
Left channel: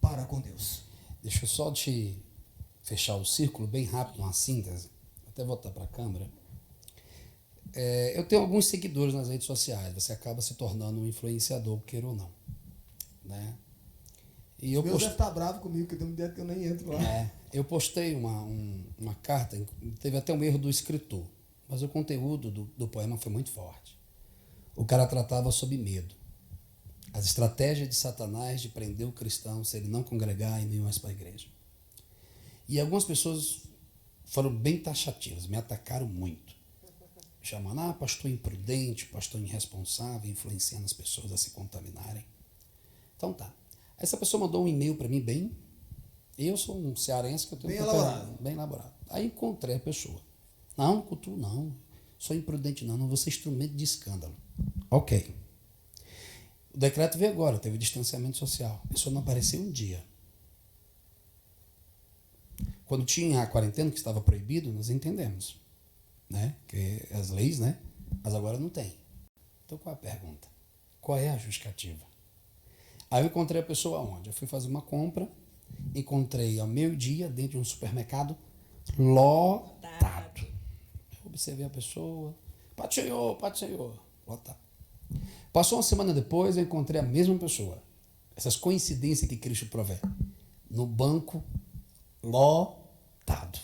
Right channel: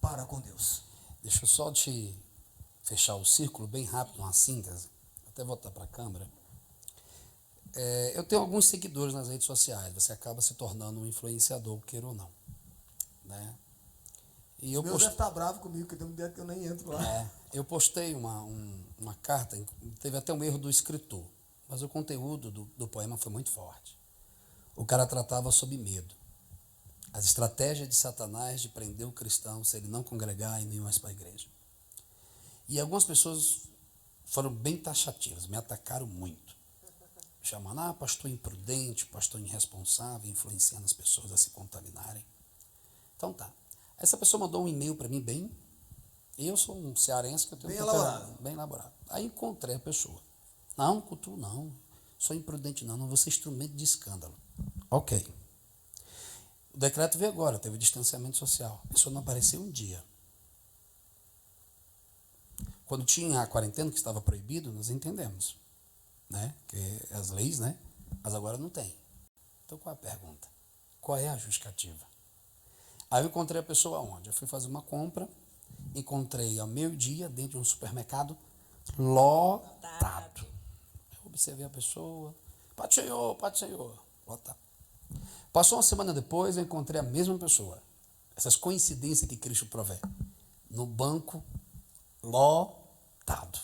para com Deus. Deixa eu só te fechar o círculo bem rápido, uma síntese, até voltar para a câmera. Eu tenho alguns seguidores nas redes sociais, você acaba se tornando um influenciador, queira ou não, né? E eu deve estar bravo comigo, porque tem um dia que eu nem entro lá. Eu postei uma carta, teve até um erro do escritor, mas o conteúdo do poema foi muito forte. O cara tratava sobre medo, as estratégias de Satanás de prender o cristão se ele não congregar e nem mais para a igreja. E algumas pessoas foram bem taxativas, me atacaram muito, chamando, pastor imprudente, pastor irresponsável, influenciando as pessoas a se contaminarem. Então tá. Essa pessoa mandou um e-mail para mim eu sou um cearense que eu tenho bem elaborado. Aí encontrei a pessoa. Não, culto não, sou imprudente não vou ser instrumento de escândalo. Ok. O decreto veio agora, teve distanciamento social. A pessoa não apareceu um dia. Quando tinha a quarentena, que estava proibido, nós entendemos, né? Que as leis, né? Mas agora não tem. Então qual é a pergunta? Qual é a justificativa? Aí eu encontrei a pessoa onde? Eu fui fazer uma compra, encontrei ao meio-dia dentro de um supermercado lotado. Eu observei a pessoa, Paz do Senhor, lotado. Passou uma semana depois, eu encontrei a mesma pessoa. Essas coincidências que Cristo provê. No banco, lotado.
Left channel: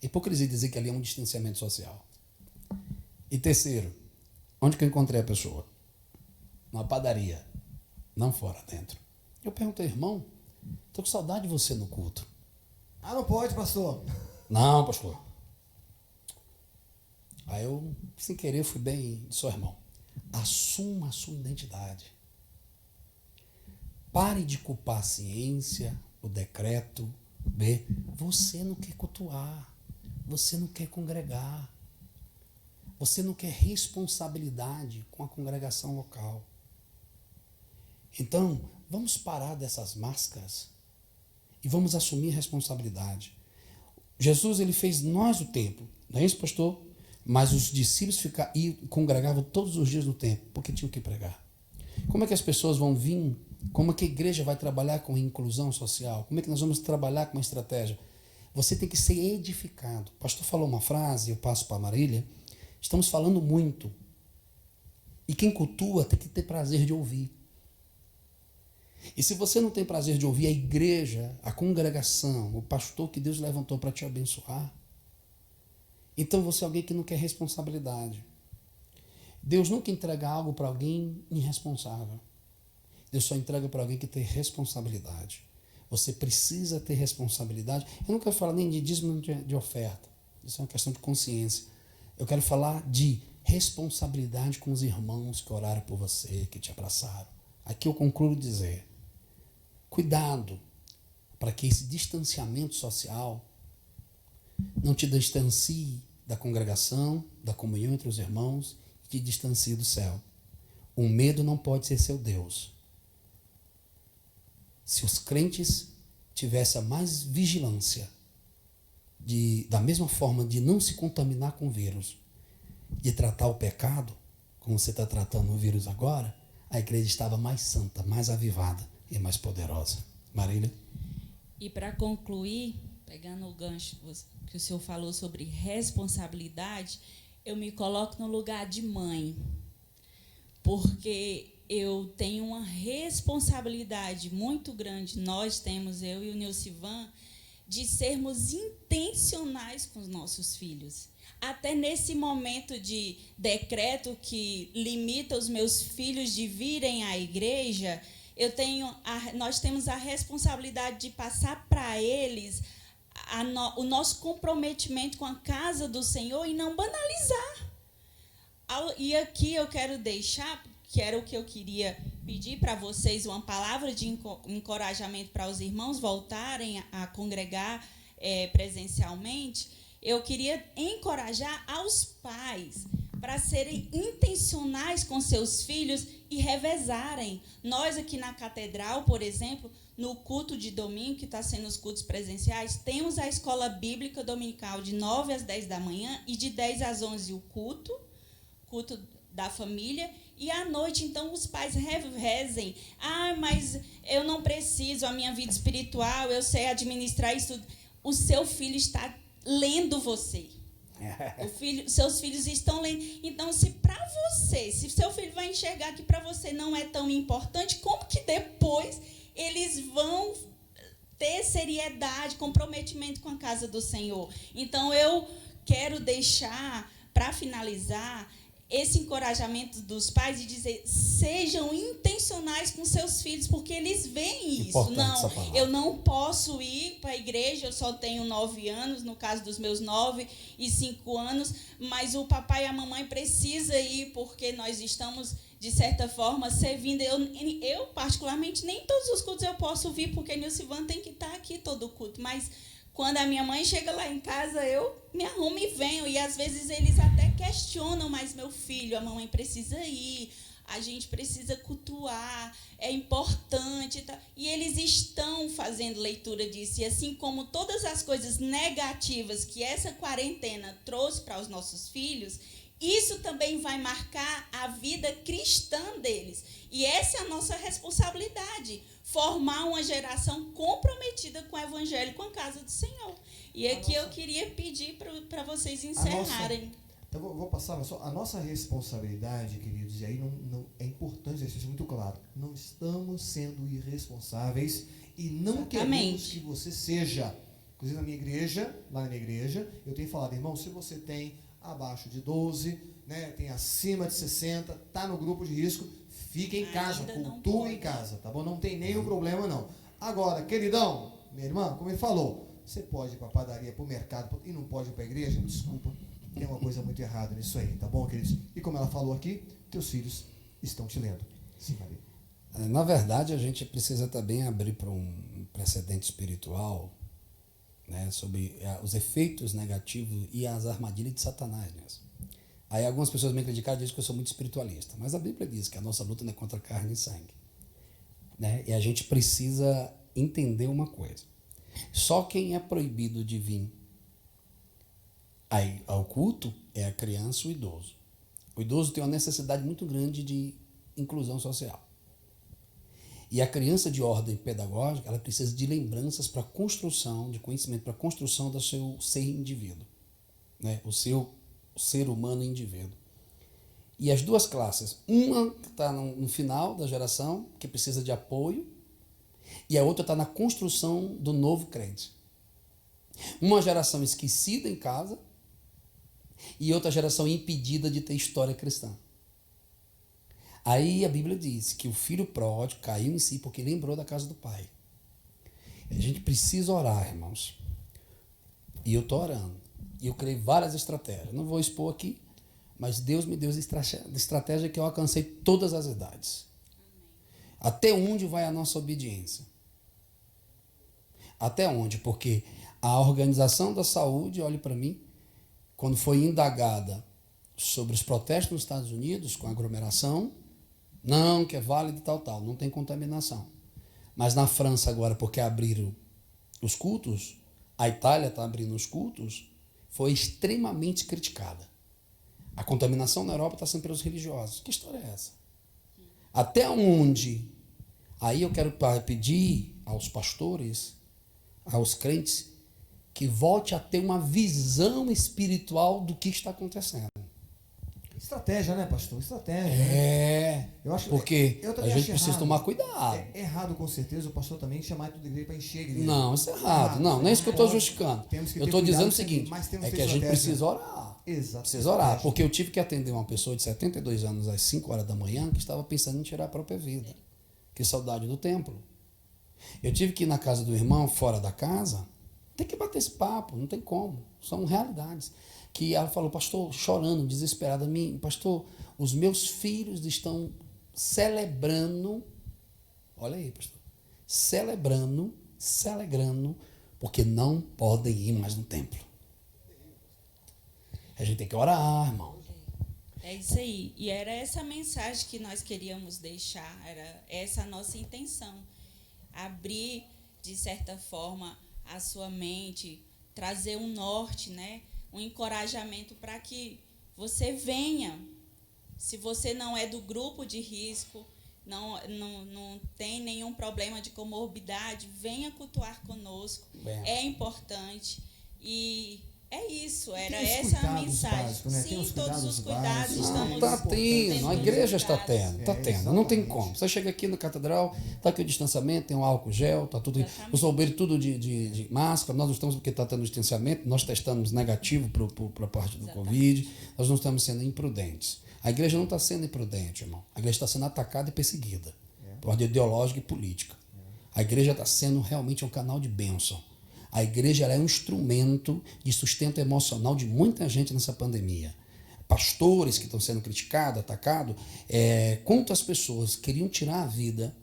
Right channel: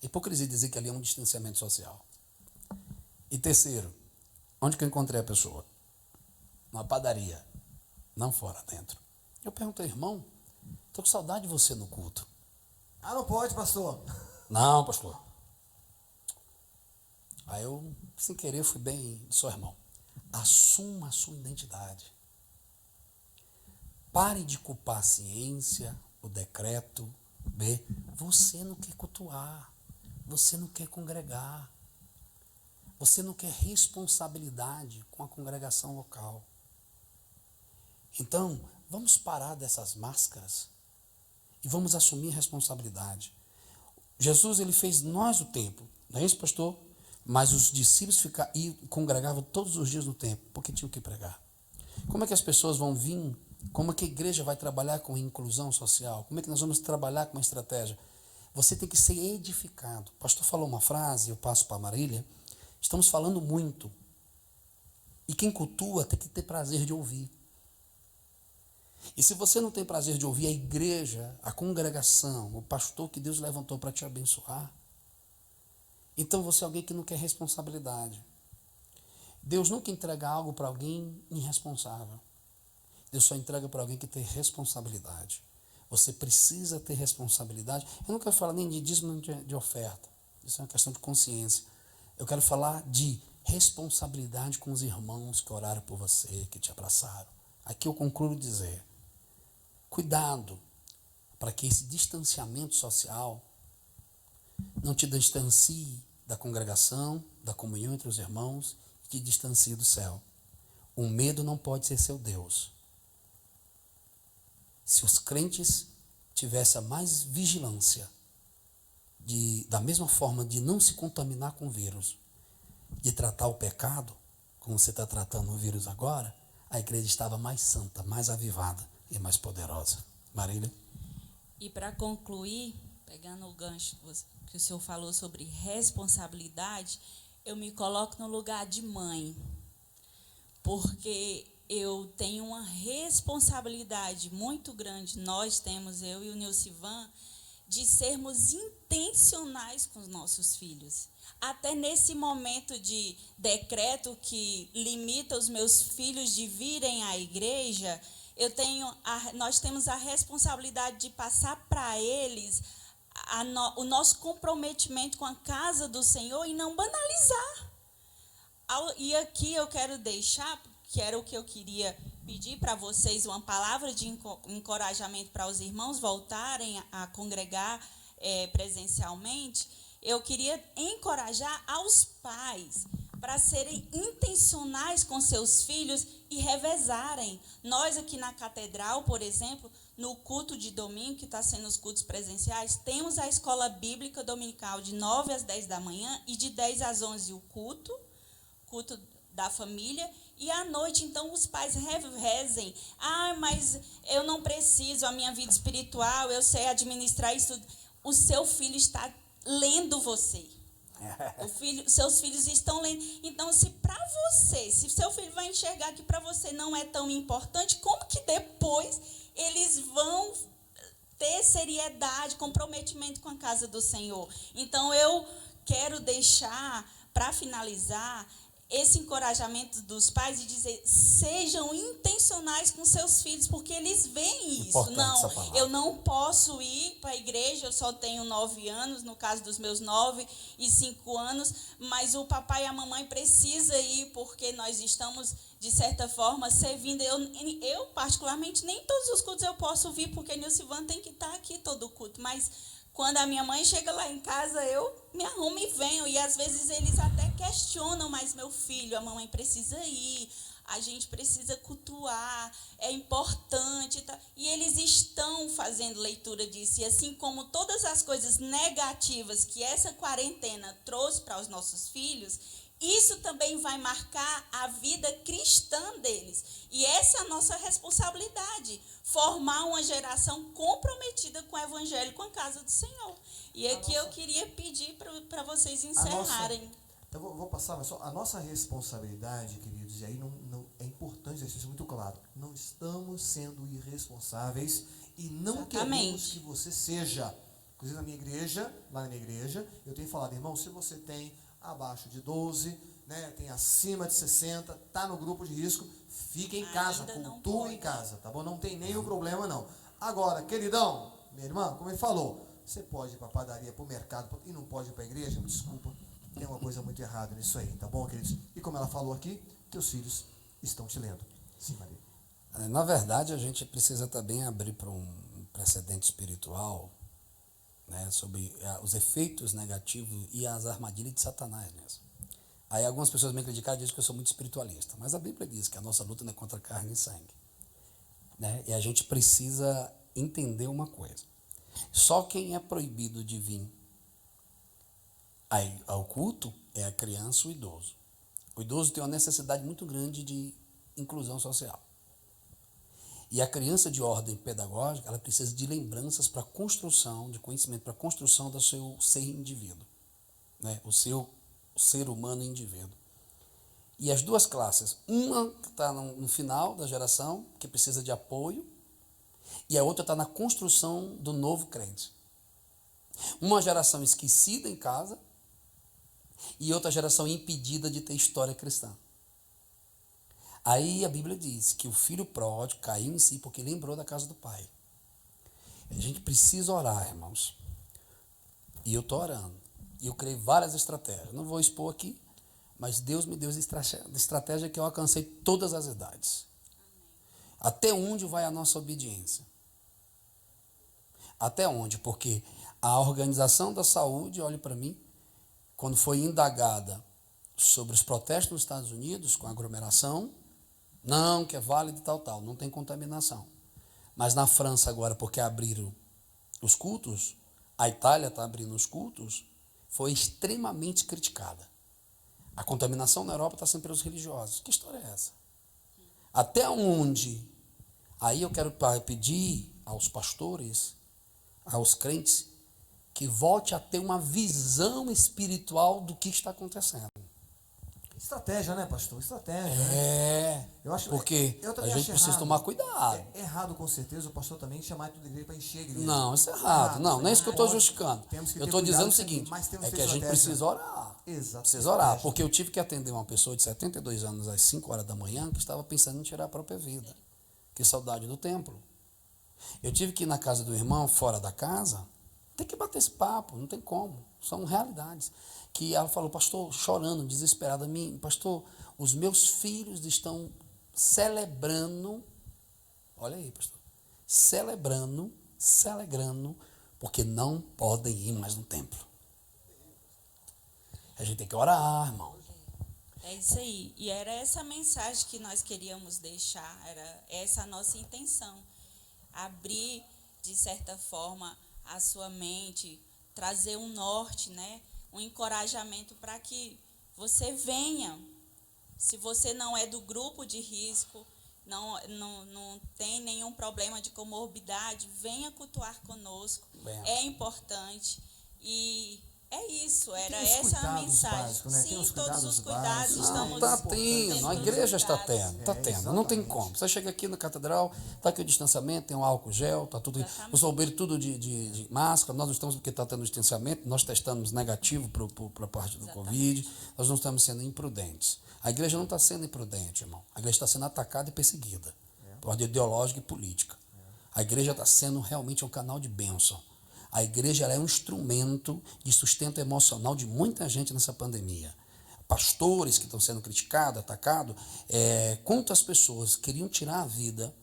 Hipocrisia dizer que ali é um distanciamento social. E terceiro, onde que eu encontrei a pessoa? Numa padaria, não fora, dentro. Eu perguntei, irmão, estou com saudade de você no culto. Ah, não pode, pastor. Não, pastor. Aí eu, sem querer, fui bem, sou irmão. Assuma a sua identidade. Pare de culpar a ciência, o decreto. Você não quer cultuar. Você não quer congregar. Você não quer responsabilidade com a congregação local. Então, vamos parar dessas máscaras e vamos assumir responsabilidade. Jesus, ele fez nós o templo, não é isso, pastor? Mas os discípulos congregavam todos os dias no templo, porque tinham que pregar. Como é que as pessoas vão vir? Como é que a igreja vai trabalhar com inclusão social? Como é que nós vamos trabalhar com uma estratégia? Você tem que ser edificado. O pastor falou uma frase, eu passo para a Marília. Estamos falando muito. E quem cultua tem que ter prazer de ouvir. E se você não tem prazer de ouvir a igreja, a congregação, o pastor que Deus levantou para te abençoar, então você é alguém que não quer responsabilidade. Deus nunca entrega algo para alguém irresponsável. Deus só entrega para alguém que tem responsabilidade. Você precisa ter responsabilidade. Eu não quero falar nem de dízimo nem de oferta. Isso é uma questão de consciência. Eu quero falar de responsabilidade com os irmãos que oraram por você, que te abraçaram. Aqui eu concluo dizer, cuidado para que esse distanciamento social não te distancie da congregação, da comunhão entre os irmãos, e te distancie do céu. O medo não pode ser seu Deus. Se os crentes tivessem a mais vigilância, da mesma forma de não se contaminar com o vírus, de tratar o pecado, como você está tratando o vírus agora, a igreja estava mais santa, mais avivada e mais poderosa. Marília? E para concluir, pegando o gancho que o senhor falou sobre responsabilidade, eu me coloco no lugar de mãe, porque eu tenho uma responsabilidade muito grande, nós temos, eu e o Nilcivan, de sermos intencionais com os nossos filhos. Até nesse momento de decreto que limita os meus filhos de virem à igreja, nós temos a responsabilidade de passar para eles o nosso comprometimento com a casa do Senhor e não banalizar. E aqui eu quero deixar, que era o que eu queria pedir para vocês, uma palavra de encorajamento para os irmãos voltarem a congregar presencialmente. Eu queria encorajar aos pais para serem intencionais com seus filhos e revezarem. Nós aqui na catedral, por exemplo, no culto de domingo, que está sendo os cultos presenciais, temos a escola bíblica dominical de 9 às 10 da manhã e de 10 às 11 o culto da família. E à noite, então, os pais revezem. Mas eu não preciso, a minha vida espiritual, eu sei administrar isso. O seu filho está lendo você. Seus filhos estão lendo. Então, se seu filho vai enxergar que para você não é tão importante, como que depois eles vão ter seriedade, comprometimento com a casa do Senhor? Então, eu quero deixar, para finalizar, esse encorajamento dos pais de dizer, sejam intencionais com seus filhos, porque eles veem isso. Não, eu não posso ir para a igreja, eu só tenho 9 anos, no caso dos meus 9 e 5 anos, mas o papai e a mamãe precisam ir, porque nós estamos, de certa forma, servindo. Eu particularmente, nem todos os cultos eu posso vir, porque Nilcivan tem que estar aqui todo o culto, mas quando a minha mãe chega lá em casa, eu me arrumo e venho. E às vezes eles até questionam, mas meu filho, a mamãe precisa ir, a gente precisa cultuar, é importante. Tá? E eles estão fazendo leitura disso. E assim como todas as coisas negativas que essa quarentena trouxe para os nossos filhos, isso também vai marcar a vida cristã deles. E essa é a nossa responsabilidade, formar uma geração comprometida com o Evangelho, com a casa do Senhor. E aqui eu queria pedir para vocês encerrarem. Eu vou passar, mas só a nossa responsabilidade, queridos, e aí não é importante deixar isso muito claro. Não estamos sendo irresponsáveis e não queremos que você seja. Inclusive lá na minha igreja, eu tenho falado, irmão, se você tem abaixo de 12, né, tem acima de 60, está no grupo de risco, fica em casa, cultua em casa, tá bom? Não tem nenhum problema, não. Agora, queridão, minha irmã, como ele falou, você pode ir para a padaria, para o mercado e não pode ir para a igreja? Desculpa, tem uma coisa muito errada nisso aí, tá bom, queridos? E como ela falou aqui, teus filhos estão te lendo. Sim, Maria. Na verdade, a gente precisa também abrir para um precedente espiritual, né, sobre os efeitos negativos e as armadilhas de Satanás mesmo. Aí algumas pessoas me criticam e dizem que eu sou muito espiritualista, mas a Bíblia diz que a nossa luta não é contra carne e sangue, né? E a gente precisa entender uma coisa: só quem é proibido de vir Aí, ao culto é a criança e o idoso. O idoso tem uma necessidade muito grande de inclusão social. E a criança de ordem pedagógica, ela precisa de lembranças para a construção, de conhecimento para a construção do seu ser indivíduo, né? O seu ser humano indivíduo. E as duas classes, uma que está no final da geração, que precisa de apoio, e a outra está na construção do novo crente. Uma geração esquecida em casa e outra geração impedida de ter história cristã. Aí a Bíblia diz que o filho pródigo caiu em si porque lembrou da casa do pai. A gente precisa orar, irmãos. E eu estou orando. E eu criei várias estratégias. Não vou expor aqui, mas Deus me deu estratégia que eu alcancei todas as idades. Até onde vai a nossa obediência? Até onde? Porque a Organização da Saúde, olhe para mim, quando foi indagada sobre os protestos nos Estados Unidos com aglomeração, não, que é válido e tal, não tem contaminação. Mas na França agora, porque abriram os cultos, a Itália está abrindo os cultos, foi extremamente criticada. A contaminação na Europa está sendo pelos religiosos. Que história é essa? Até onde? Aí eu quero pedir aos pastores, aos crentes, que volte a ter uma visão espiritual do que está acontecendo. Estratégia, né, pastor? Estratégia. Eu acho, porque eu a gente precisa tomar cuidado. É errado, com certeza, o pastor também chamar tudo igreja para encher a igreja. Não, isso é errado. Não é isso que eu estou justificando. Eu estou dizendo o seguinte, é que a gente precisa orar. Exato. Precisa orar, porque eu tive que atender uma pessoa de 72 anos às 5 horas da manhã que estava pensando em tirar a própria vida. Que saudade do templo. Eu tive que ir na casa do irmão, fora da casa, tem que bater esse papo, não tem como. São realidades. Que ela falou, pastor, chorando, desesperada, pastor, os meus filhos estão celebrando, olha aí, pastor, celebrando, porque não podem ir mais no templo. A gente tem que orar, irmão. É isso aí. E era essa mensagem que nós queríamos deixar, era essa a nossa intenção. Abrir, de certa forma, a sua mente, trazer um norte, né? Um encorajamento para que você venha. Se você não é do grupo de risco, não tem nenhum problema de comorbidade, venha cultuar conosco. É importante. E é isso, era essa a mensagem. Básicos, né? Sim, todos os cuidados estamos Está tendo, a igreja está tendo, exatamente. não tem como. Você chega aqui na catedral, está aqui o distanciamento, tem um álcool gel, está tudo, os obreiros tudo de máscara, nós não estamos porque está tendo distanciamento, nós testamos negativo para a parte do Covid, nós não estamos sendo imprudentes. A igreja não está sendo imprudente, irmão. A igreja está sendo atacada e perseguida por ordem ideológica e política. A igreja está sendo realmente um canal de bênção. A igreja ela é um instrumento de sustento emocional de muita gente nessa pandemia. Pastores que estão sendo criticados, atacados. Quantas pessoas queriam tirar a vida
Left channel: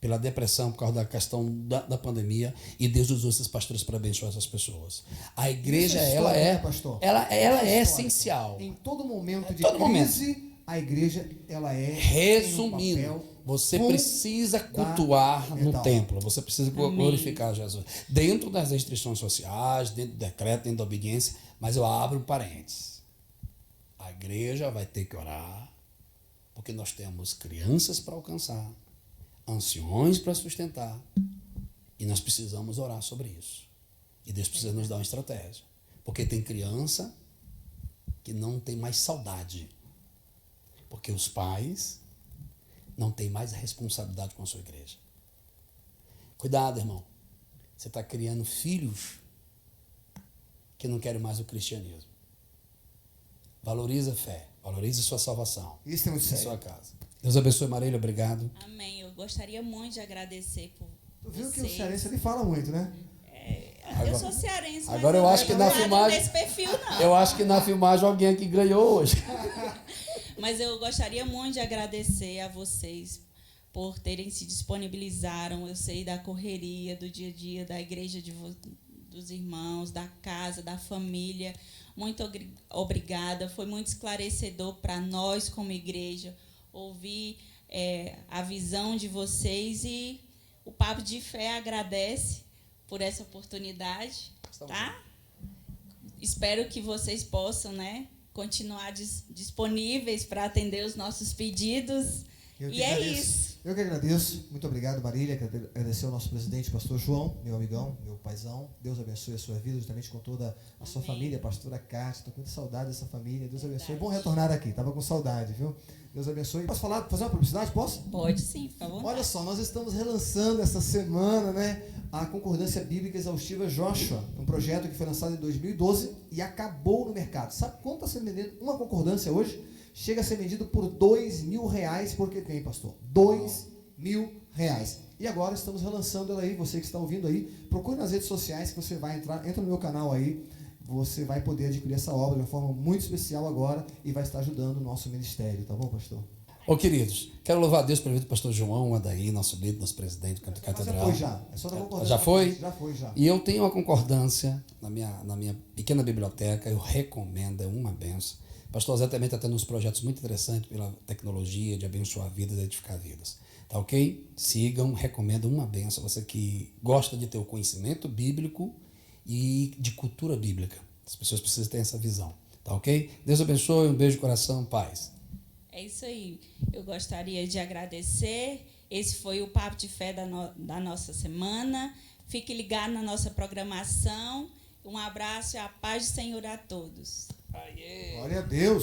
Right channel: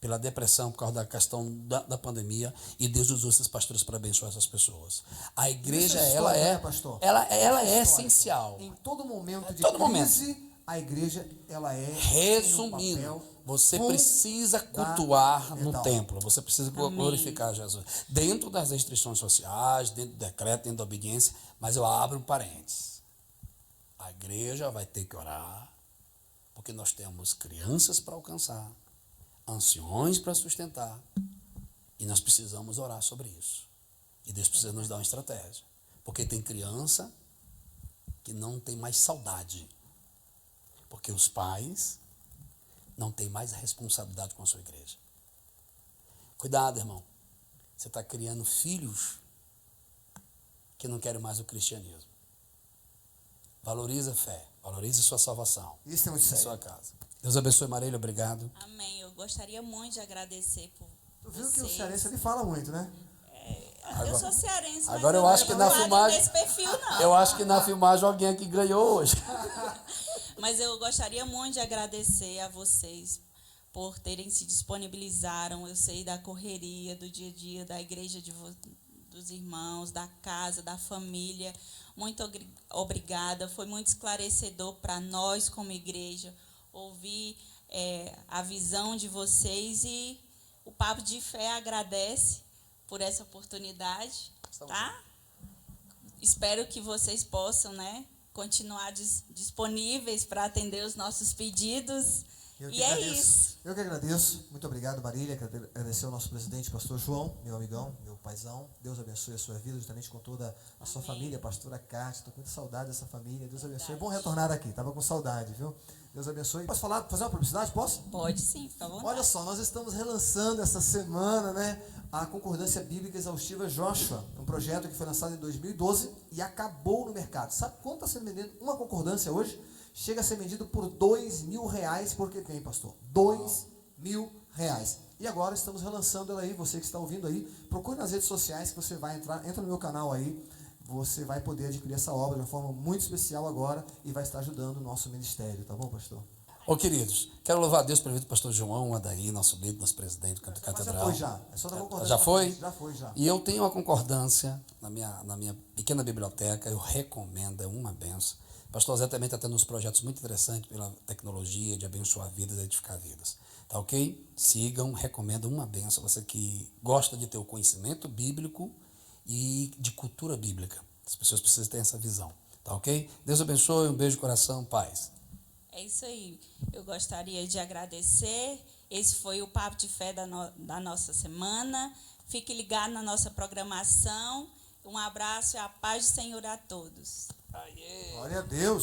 pela depressão por causa da questão da pandemia e Deus usou esses pastores para abençoar essas pessoas. A igreja, ela é essencial. Em todo momento de todo crise, a igreja, ela é... Resumindo, você precisa cultuar no templo, você precisa glorificar Jesus. Dentro das restrições sociais, dentro do decreto, dentro da obediência, mas eu abro parênteses. A igreja vai ter que orar, porque nós temos crianças para alcançar, anciões para sustentar, e nós precisamos orar sobre isso. E Deus precisa nos dar uma estratégia, porque tem criança que não tem mais saudade, porque os pais não têm mais responsabilidade com a sua igreja. Cuidado, irmão. Você está criando filhos que não querem mais o cristianismo. Valoriza a fé, valorize sua salvação. Isso é muito sério. Sua casa. Deus abençoe, Marília, obrigado. Amém. Eu gostaria muito de agradecer por Tu viu vocês. que o cearense ele fala muito, né? Eu sou cearense, mas agora eu acho que na filmagem, desse perfil, não. eu acho que na filmagem alguém aqui ganhou hoje. Mas eu gostaria muito de agradecer a vocês por terem se disponibilizaram. Eu sei da correria, do dia a dia, da igreja dos irmãos, da casa, da família. Muito obrigada. Foi muito esclarecedor para nós como igreja ouvir a visão de vocês, e o Papo de Fé agradece por essa oportunidade, tá? espero que vocês possam, né, continuar disponíveis para atender os nossos pedidos. E é isso. Eu que agradeço. Muito obrigado, Marília. Quero agradecer ao nosso presidente, pastor João, meu amigão, meu paizão. Deus abençoe a sua vida, justamente com toda a sua família, pastora Cátia. Estou com muita saudade dessa família. Deus abençoe. É bom retornar aqui. Estava com saudade, viu? Deus abençoe. Posso fazer uma publicidade? Posso? Pode sim, por favor. Olha só, nós estamos relançando essa semana, né, a Concordância Bíblica Exaustiva Joshua, um projeto que foi lançado em 2012 e acabou no mercado. Sabe quanto está sendo vendido uma concordância hoje? Chega a ser vendido por R$2.000 porque tem, pastor. R$2.000. E agora estamos relançando ela aí. Você que está ouvindo aí, procure nas redes sociais que você vai entra no meu canal aí. Você vai poder adquirir essa obra de uma forma muito especial agora e vai estar ajudando o nosso ministério, tá bom, pastor? Ô, queridos, quero louvar a Deus pelo pastor João Adaí, nosso líder, nosso presidente do Campo da Catedral. Mas já foi já. É só da concordância. Já foi? Já foi, já. E eu tenho uma concordância na minha pequena biblioteca, eu recomendo, é uma benção. Pastor Zé também está tendo uns projetos muito interessantes pela tecnologia de abençoar vidas e edificar vidas. Tá ok? Sigam, recomendo, uma benção. Você que gosta de ter o conhecimento bíblico e de cultura bíblica. As pessoas precisam ter essa visão. Tá ok? Deus abençoe, um beijo no coração, paz. É isso aí. Eu gostaria de agradecer. Esse foi o Papo de Fé da nossa semana. Fique ligado na nossa programação. Um abraço e a paz do Senhor a todos. Glória a Deus.